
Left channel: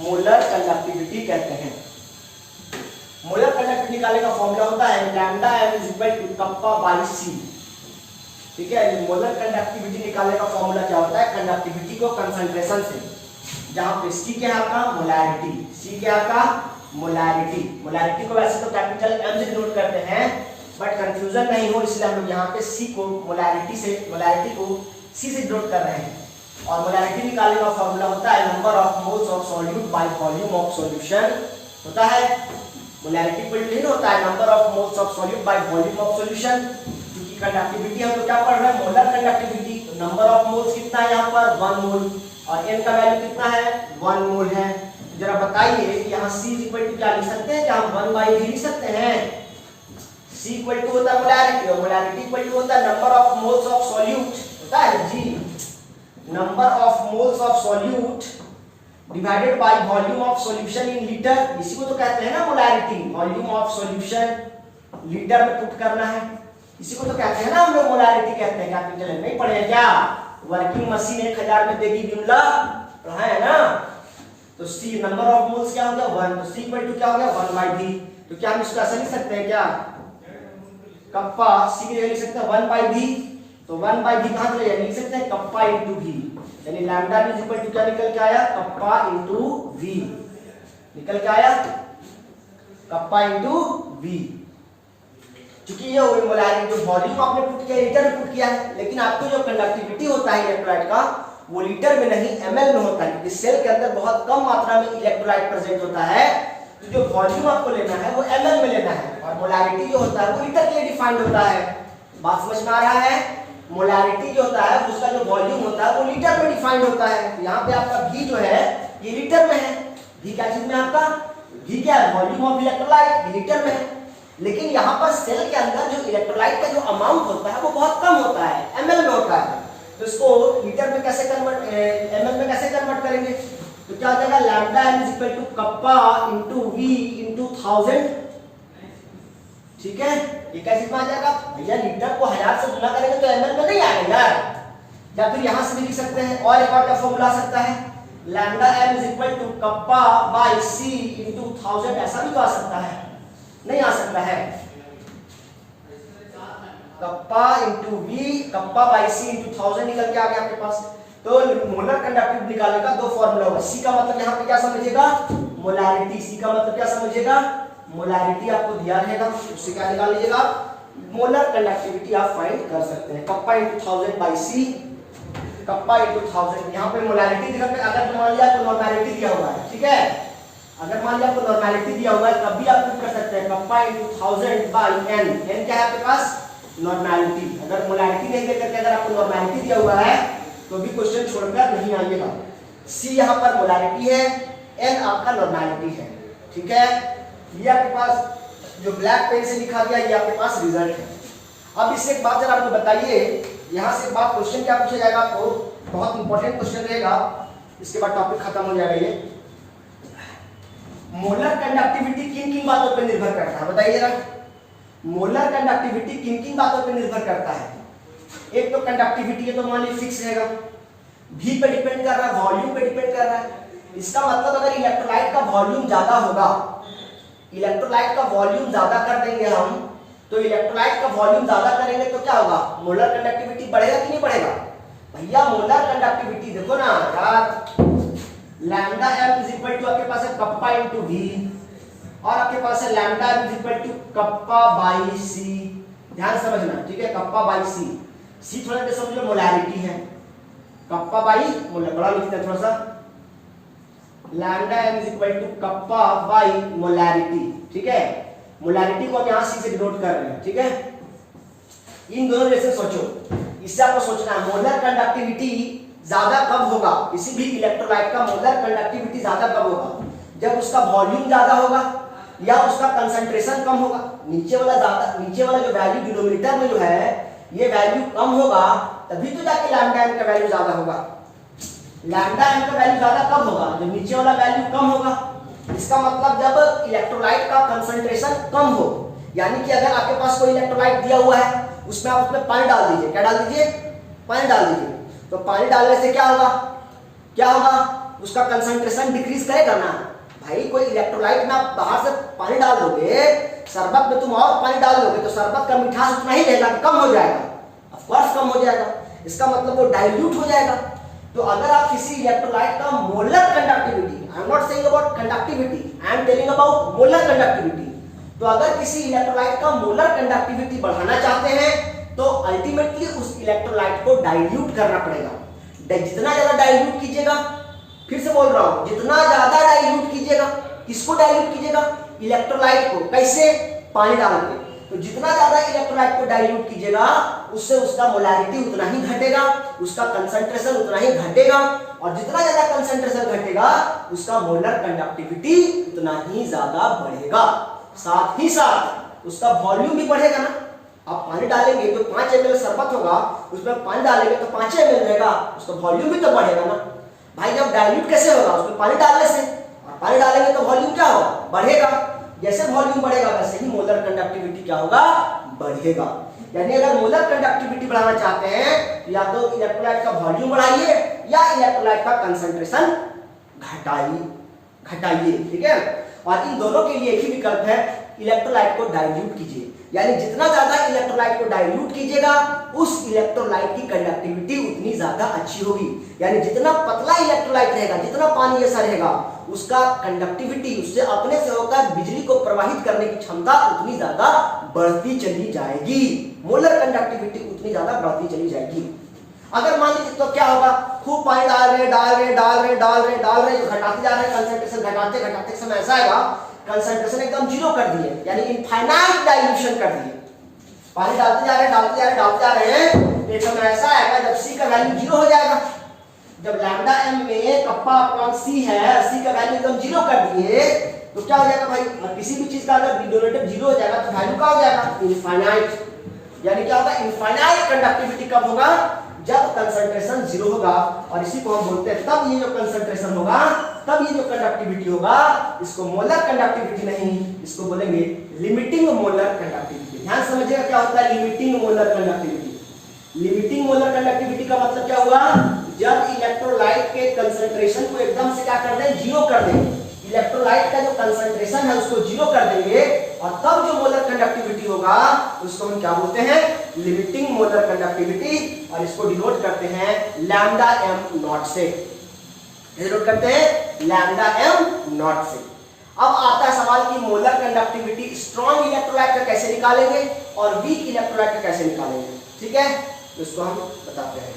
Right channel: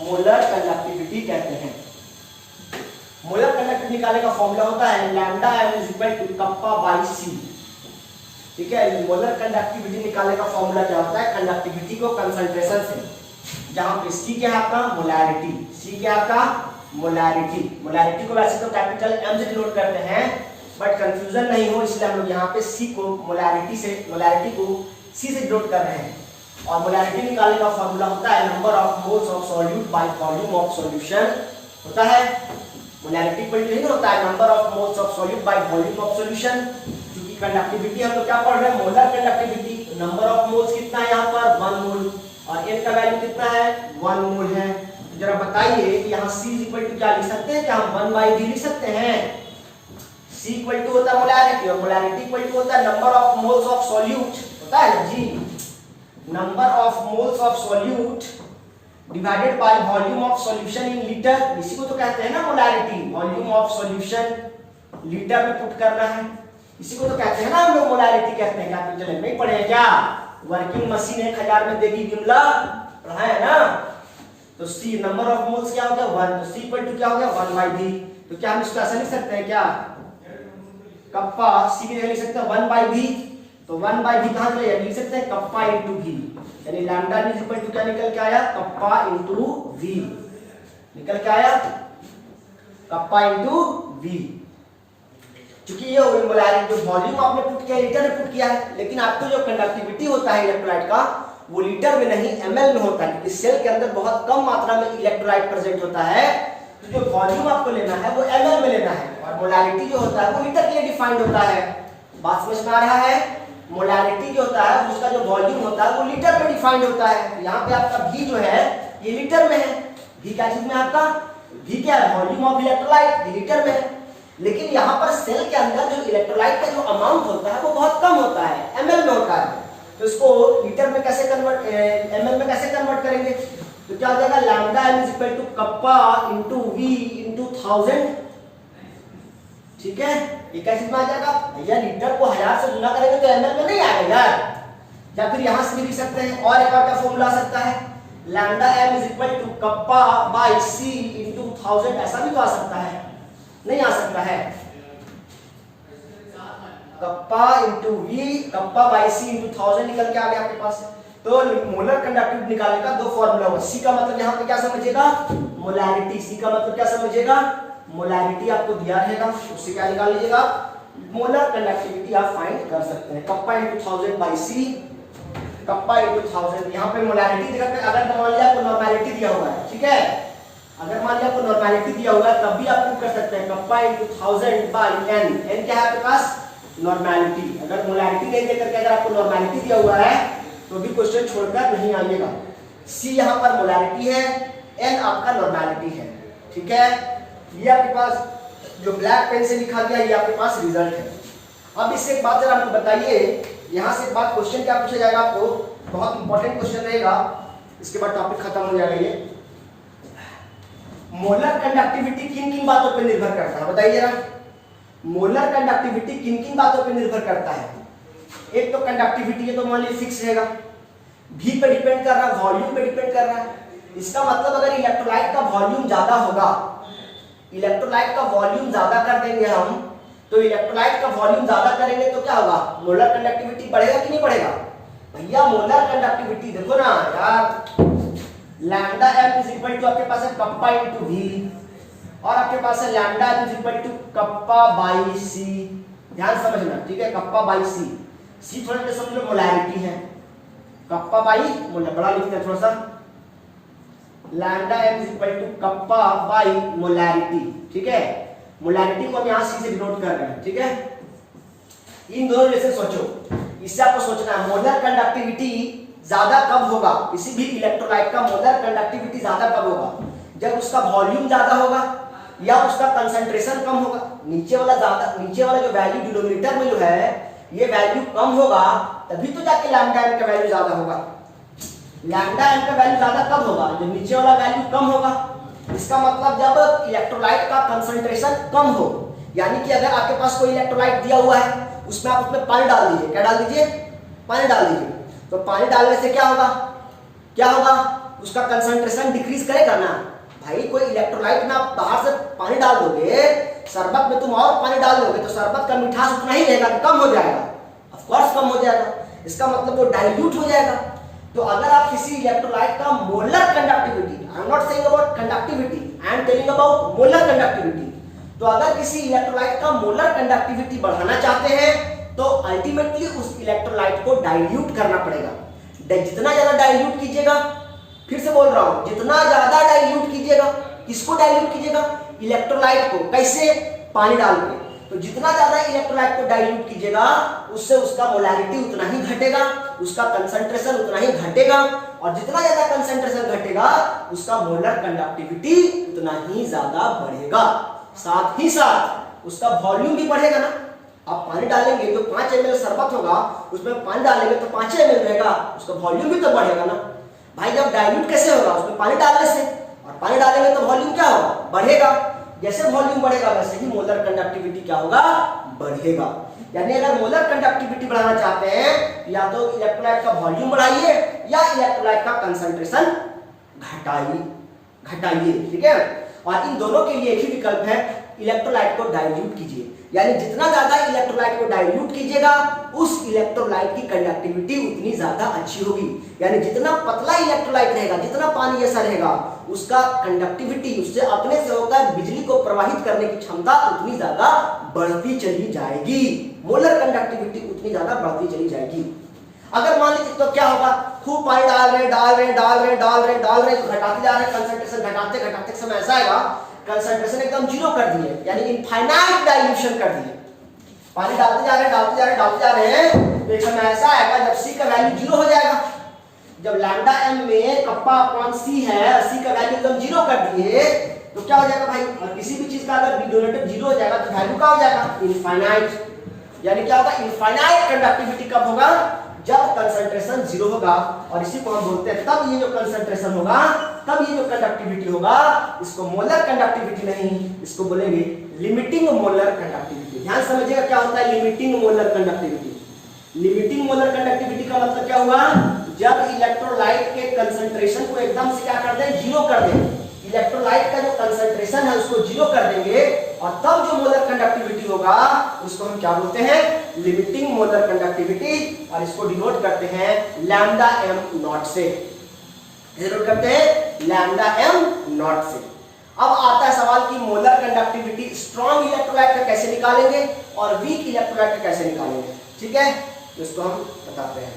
मोलर कंडक्टिविटी कहते हैं। मोलर कंडक्टिविटी निकालने का फॉर्मूला होता है lambda m is equal to kappa by C. ठीक है, मोलर कंडक्टिविटी निकालने का फॉर्मूला क्या होता है, कंडक्टिविटी को कंसंट्रेशन से, जहां पे C क्या है आपका, मोलैरिटी। C क्या है आपका, मोलैरिटी। मोलैरिटी को वैसे तो कैपिटल M से डिनोट करते हैं, बट कंफ्यूजन नहीं हो इसलिए हम लोग यहाँ पे C को मोलैरिटी को C से डिनोट कर रहे हैं। और मोलैरिटी निकालने का फॉर्मूला होता है number of moles of solute bye volume of solution होता है। मोलैरिटी इक्वल टू नहीं होता है number of moles of solute bye volume of solution. क्योंकि कंडक्टिविटी हम लोग क्या पढ़ रहे हैं, मोलर कंडक्टिविटी। तो नंबर ऑफ मोल्स कितना है यहाँ पर, 1 मोल, और n का वैल्यू कितना है, 1 मोल है। तो जरा बताइए कि यहाँ C इक्वल टू क्या लिख सकते हैं, क्या हम 1/v लिख सकते हैं। C इक्वल टू होता है मोलैरिटी, और मोलैरिटी इक्वल टू होता है number of moles of solute, होता है जी, number of moles of solute divided by volume of solution in litre. इसी को तो कहते हैं ना molarity, volume of solution litre में पुट करना है, इसी को तो कहते हैं ना हम लोग मोलैरिटी कहते हैं। कैपिटल में नहीं पढ़े क्या, वर्किंग मशीन 1000 में देगी विमला, पढ़ा है ना। तो C नंबर ऑफ मोल्स क्या हो गया, 1, तो C इक्वल टू क्या हो गया, 1/v। तो क्या हम इसको ऐसा लिख सकते हैं क्या, कप्पा C की जगह लिख सकते हैं 1/v। तो 1/v कहां से लिख सकते हैं, कप्पा इनटू v, यानी लैम्डा इज इक्वल टू क्या निकल के आया, कप्पा इनटू v निकल के आया, कप्पा इनटू v। क्योंकि ये हो गई मोलैरिटी, जो वॉल्यूम आपने पुट किया लीटर में पुट किया है, लेकिन आपको जो कंडक्टिविटी होता है इलेक्ट्रोलाइट का वो लीटर में नहीं ml में होता है, क्योंकि सेल के अंदर बहुत कम मात्रा में इलेक्ट्रोलाइट प्रेजेंट होता है। तो जो वॉल्यूम आपको लेना है वो ml में लेना है, और मोलैरिटी जो होता है वो लीटर के लिए डिफाइंड होता है। बात समझ में आ रहा है? मोलैरिटी जो होता है उसका जो वॉल्यूम होता है वो लीटर में डिफाइंड होता है। तो यहाँ पे आपका V जो है ये लीटर में है। V क्या चीज में आपका? V क्या है? वॉल्यूम ऑफ इलेक्ट्रोलाइट, लीटर में है। लेकिन यहाँ पर सेल के अंदर जो इलेक्ट्रोलाइट का जो अमाउंट होता है वो बहुत कम होता है, ml में होता है। तो इसको लीटर में कैसे कन्वर्ट, ml में कैसे कन्वर्ट करेंगे? तो क्या हो जाएगा? Lambda m is equal to kappa into v into 1000। ठीक है, ये कैसे आ जाएगा भैया? लीटर को 1000 से गुना करेंगे तो ml में नहीं आएगा यार। या फिर यहां से भी लिख सकते हैं, और एक और क्या फॉर्मूला आ सकता है? Lambda m is equal to kappa by c into 1000, ऐसा भी तो आ सकता है? नहीं आ सकता है। Kappa into V, kappa by C into 1000 निकल के आ गया आपके पास। तो मोलर कंडक्टिविटी निकालने का दो फॉर्मूला होगा। सी का मतलब यहाँ पे क्या समझिएगा? मोलैरिटी। सी का मतलब क्या समझिएगा? मोलैरिटी आपको दिया रहेगा, उससे क्या निकाल लीजिएगा? मोलर कंडक्टिविटी आप फाइंड कर सकते हैं। Kappa into 1000 by C, kappa into 1000। यहाँ पे मोलैरिटी दिखा, अगर मान लिया आपको नॉर्मेलिटी दिया हुआ है, ठीक है, अगर मान लिया आपको नॉर्मेलिटी दिया हुआ है तब भी आप प्रूव कर सकते हैं। Kappa into 1000 by N, N क्या है आपके पास? नॉर्मेलिटी। अगर मोलैरिटी नहीं देकर के अगर आपको नॉर्मेलिटी दिया हुआ है तो भी क्वेश्चन छोड़कर नहीं आइएगा। सी यहाँ पर मोलैरिटी है, एन आपका नॉर्मेलिटी है। ठीक है, ये आपके पास जो ब्लैक पेन से लिखा गया ये आपके पास रिजल्ट है। अब इससे एक बात जरा आपको बताइए, यहाँ से एक बात क्वेश्चन क्या पूछा जाएगा आपको, बहुत इंपॉर्टेंट क्वेश्चन रहेगा, इसके बाद टॉपिक खत्म हो जाएगा। ये मोलर कंडक्टिविटी किन किन बातों पर निर्भर करता है बताइए जरा? मोलर कंडक्टिविटी किन किन बातों पर निर्भर करता है? एक तो कंडक्टिविटी है तो मान लीजिए फिक्स रहेगा, भी पे डिपेंड कर रहा है, वॉल्यूम पे डिपेंड कर रहा है। इसका मतलब अगर इलेक्ट्रोलाइट का वॉल्यूम ज्यादा होगा, इलेक्ट्रोलाइट का वॉल्यूम ज्यादा कर देंगे हम, तो इलेक्ट्रोलाइट का वॉल्यूम ज्यादा करेंगे तो क्या होगा? मोलर कंडक्टिविटी बढ़ेगा कि नहीं बढ़ेगा? भैया मोलर कंडक्टिविटी देखो ना यार, lambda m is equal to आपके पास है कप्पा इंटू वी, और आपके पास है lambda m is equal to kappa by C. ध्यान समझना, ठीक है, कप्पा बाई सी। सी थोड़ा सा समझ लो मोलैरिटी है, कप्पा बाई मोलर, बड़ा लिखते हैं थोड़ा सा, lambda m is equal to kappa by molarity. ठीक है, मोलैरिटी को हम यहां सी से डिनोट कर रहे हैं। ठीक है, इन दोनों जैसे सोचो, इससे आपको सोचना है मोलर कंडक्टिविटी ज्यादा कब होगा? किसी भी इलेक्ट्रोलाइट का मोलर कंडक्टिविटी ज्यादा कब होगा? जब उसका वॉल्यूम ज्यादा होगा या उसका कंसंट्रेशन कम होगा। नीचे वाला जो वैल्यू डिनोमिनेटर में जो है ये वैल्यू कम होगा, तभी तो जाके लैम्डा m का वैल्यू ज्यादा होगा। लैम्डा m का वैल्यू ज्यादा कब होगा? जब नीचे वाला वैल्यू कम होगा। इसका मतलब जब इलेक्ट्रोलाइट का कंसंट्रेशन कम हो, यानी कि अगर आपके पास कोई इलेक्ट्रोलाइट दिया हुआ है, उसमें आप उसमें पानी डाल दीजिए। क्या डाल दीजिए? पानी डाल दीजिए। तो पानी डालने से क्या होगा? क्या होगा? उसका कंसंट्रेशन डिक्रीज करेगा ना भाई। कोई इलेक्ट्रोलाइट में आप बाहर से पानी डाल दोगे, शरबत में तुम और पानी डाल दोगे तो शरबत का मिठास उतना ही रहेगा, कम हो जाएगा, ऑफ कोर्स कम हो जाएगा। इसका मतलब वो डाइल्यूट हो जाएगा। तो अगर आप किसी इलेक्ट्रोलाइट का molar conductivity, I am not saying about conductivity, I am telling about molar conductivity, तो अगर किसी इलेक्ट्रोलाइट का मोलर कंडक्टिविटी बढ़ाना चाहते हैं तो अल्टीमेटली उस इलेक्ट्रोलाइट को डाइल्यूट करना पड़ेगा। जितना ज्यादा डाइल्यूट कीजिएगा, फिर से बोल रहा हूं, जितना ज्यादा डाइल्यूट कीजिएगा, किसको डाइल्यूट कीजिएगा? इलेक्ट्रोलाइट को। कैसे? पानी डाल के। तो जितना ज्यादा इलेक्ट्रोलाइट को डाइल्यूट कीजिएगा, उससे उसका मोलैरिटी उतना ही घटेगा, उसका कंसंट्रेशन उतना ही घटेगा, और जितना ज्यादा कंसंट्रेशन घटेगा उसका मोलर कंडक्टिविटी उतना ही ज्यादा बढ़ेगा। साथ ही साथ उसका वॉल्यूम भी बढ़ेगा ना। आप पानी डालेंगे तो 5 ml शरबत होगा, उसमें पानी डालेंगे तो 5 ml रहेगा, उसका वॉल्यूम भी तो बढ़ेगा ना भाई। जब डाइल्यूट कैसे होगा? उसमें पानी डालने से, और पानी डालेंगे तो वॉल्यूम क्या होगा? बढ़ेगा। जैसे वॉल्यूम बढ़ेगा वैसे ही मोलर कंडक्टिविटी क्या होगा? बढ़ेगा। यानी अगर मोलर कंडक्टिविटी बढ़ाना चाहते हैं तो या तो इलेक्ट्रोलाइट का वॉल्यूम बढ़ाइए या इलेक्ट्रोलाइट का कंसंट्रेशन घटाइए। ठीक है, और इन दोनों के लिए एक ही विकल्प है, इलेक्ट्रोलाइट को डाइल्यूट कीजिए, यानी जितना ज्यादा इलेक्ट्रोलाइट को डाइल्यूट कीजिएगा उस इलेक्ट्रोलाइट की कंडक्टिविटी उतनी ज्यादा अच्छी होगी। यानी जितना पतला इलेक्ट्रोलाइट रहेगा, जितना पानी जैसा रहेगा, उसका कंडक्टिविटी, उससे अपने से होकर बिजली को प्रवाहित करने की क्षमता उतनी ज्यादा बढ़ती चली जाएगी, मोलर कंडक्टिविटी उतनी ज्यादा बढ़ती चली जाएगी। अगर मान लीजिए तो क्या होगा, खूब पानी डाल रहे तो घटाते जा रहे, कंसंट्रेशन घटाते घटाते समय ऐसा आएगा कंसंट्रेशन एकदम जीरो कर दिए, यानी इनफाइनाइट डाइल्यूशन कर दिए। पानी डालते जा रहे हैं तो एक समय ऐसा आएगा जब सी का वैल्यू जीरो हो जाएगा। जब लैम्डा एम में कप्पा अपॉन सी है, सी का वैल्यू एकदम जीरो कर दिए तो क्या हो जाएगा भाई, और किसी भी चीज का अगर डिनोमिनेटर जीरो हो जाएगा तो वैल्यू क्या हो जाएगा, इनफाइनाइट। यानी क्या होगा, इनफाइनाइट कंडक्टिविटी कब होगा, जब कंसंट्रेशन जीरो होगा। और इसी को हम बोलते हैं, तब ये जो कंसंट्रेशन होगा, तब ये जो कंडक्टिविटी होगा, इसको मोलर कंडक्टिविटी नहीं, इसको बोलेंगे लिमिटिंग मोलर कंडक्टिविटी। ध्यान समझिएगा क्या होता है limiting molar conductivity. Limiting molar conductivity का मतलब क्या हुआ, जब इलेक्ट्रोलाइट के कंसंट्रेशन को एकदम से क्या कर दें, जीरो कर दें, इलेक्ट्रोलाइट का जो कंसंट्रेशन है उसको जीरो कर देंगे, और तब जो मोलर कंडक्टिविटी होगा उसको हम क्या बोलते हैं, लिमिटिंग मोलर कंडक्टिविटी। और इसको डिनोट करते हैं लैम्डा एम नॉट से, डिनोट करते हैं लैम्डा एम नॉट से। अब आता है सवाल कि मोलर कंडक्टिविटी स्ट्रॉन्ग इलेक्ट्रोलाइट का कैसे निकालेंगे और वीक इलेक्ट्रोलाइट का कैसे निकालेंगे। ठीक है, इसको हम बताते हैं।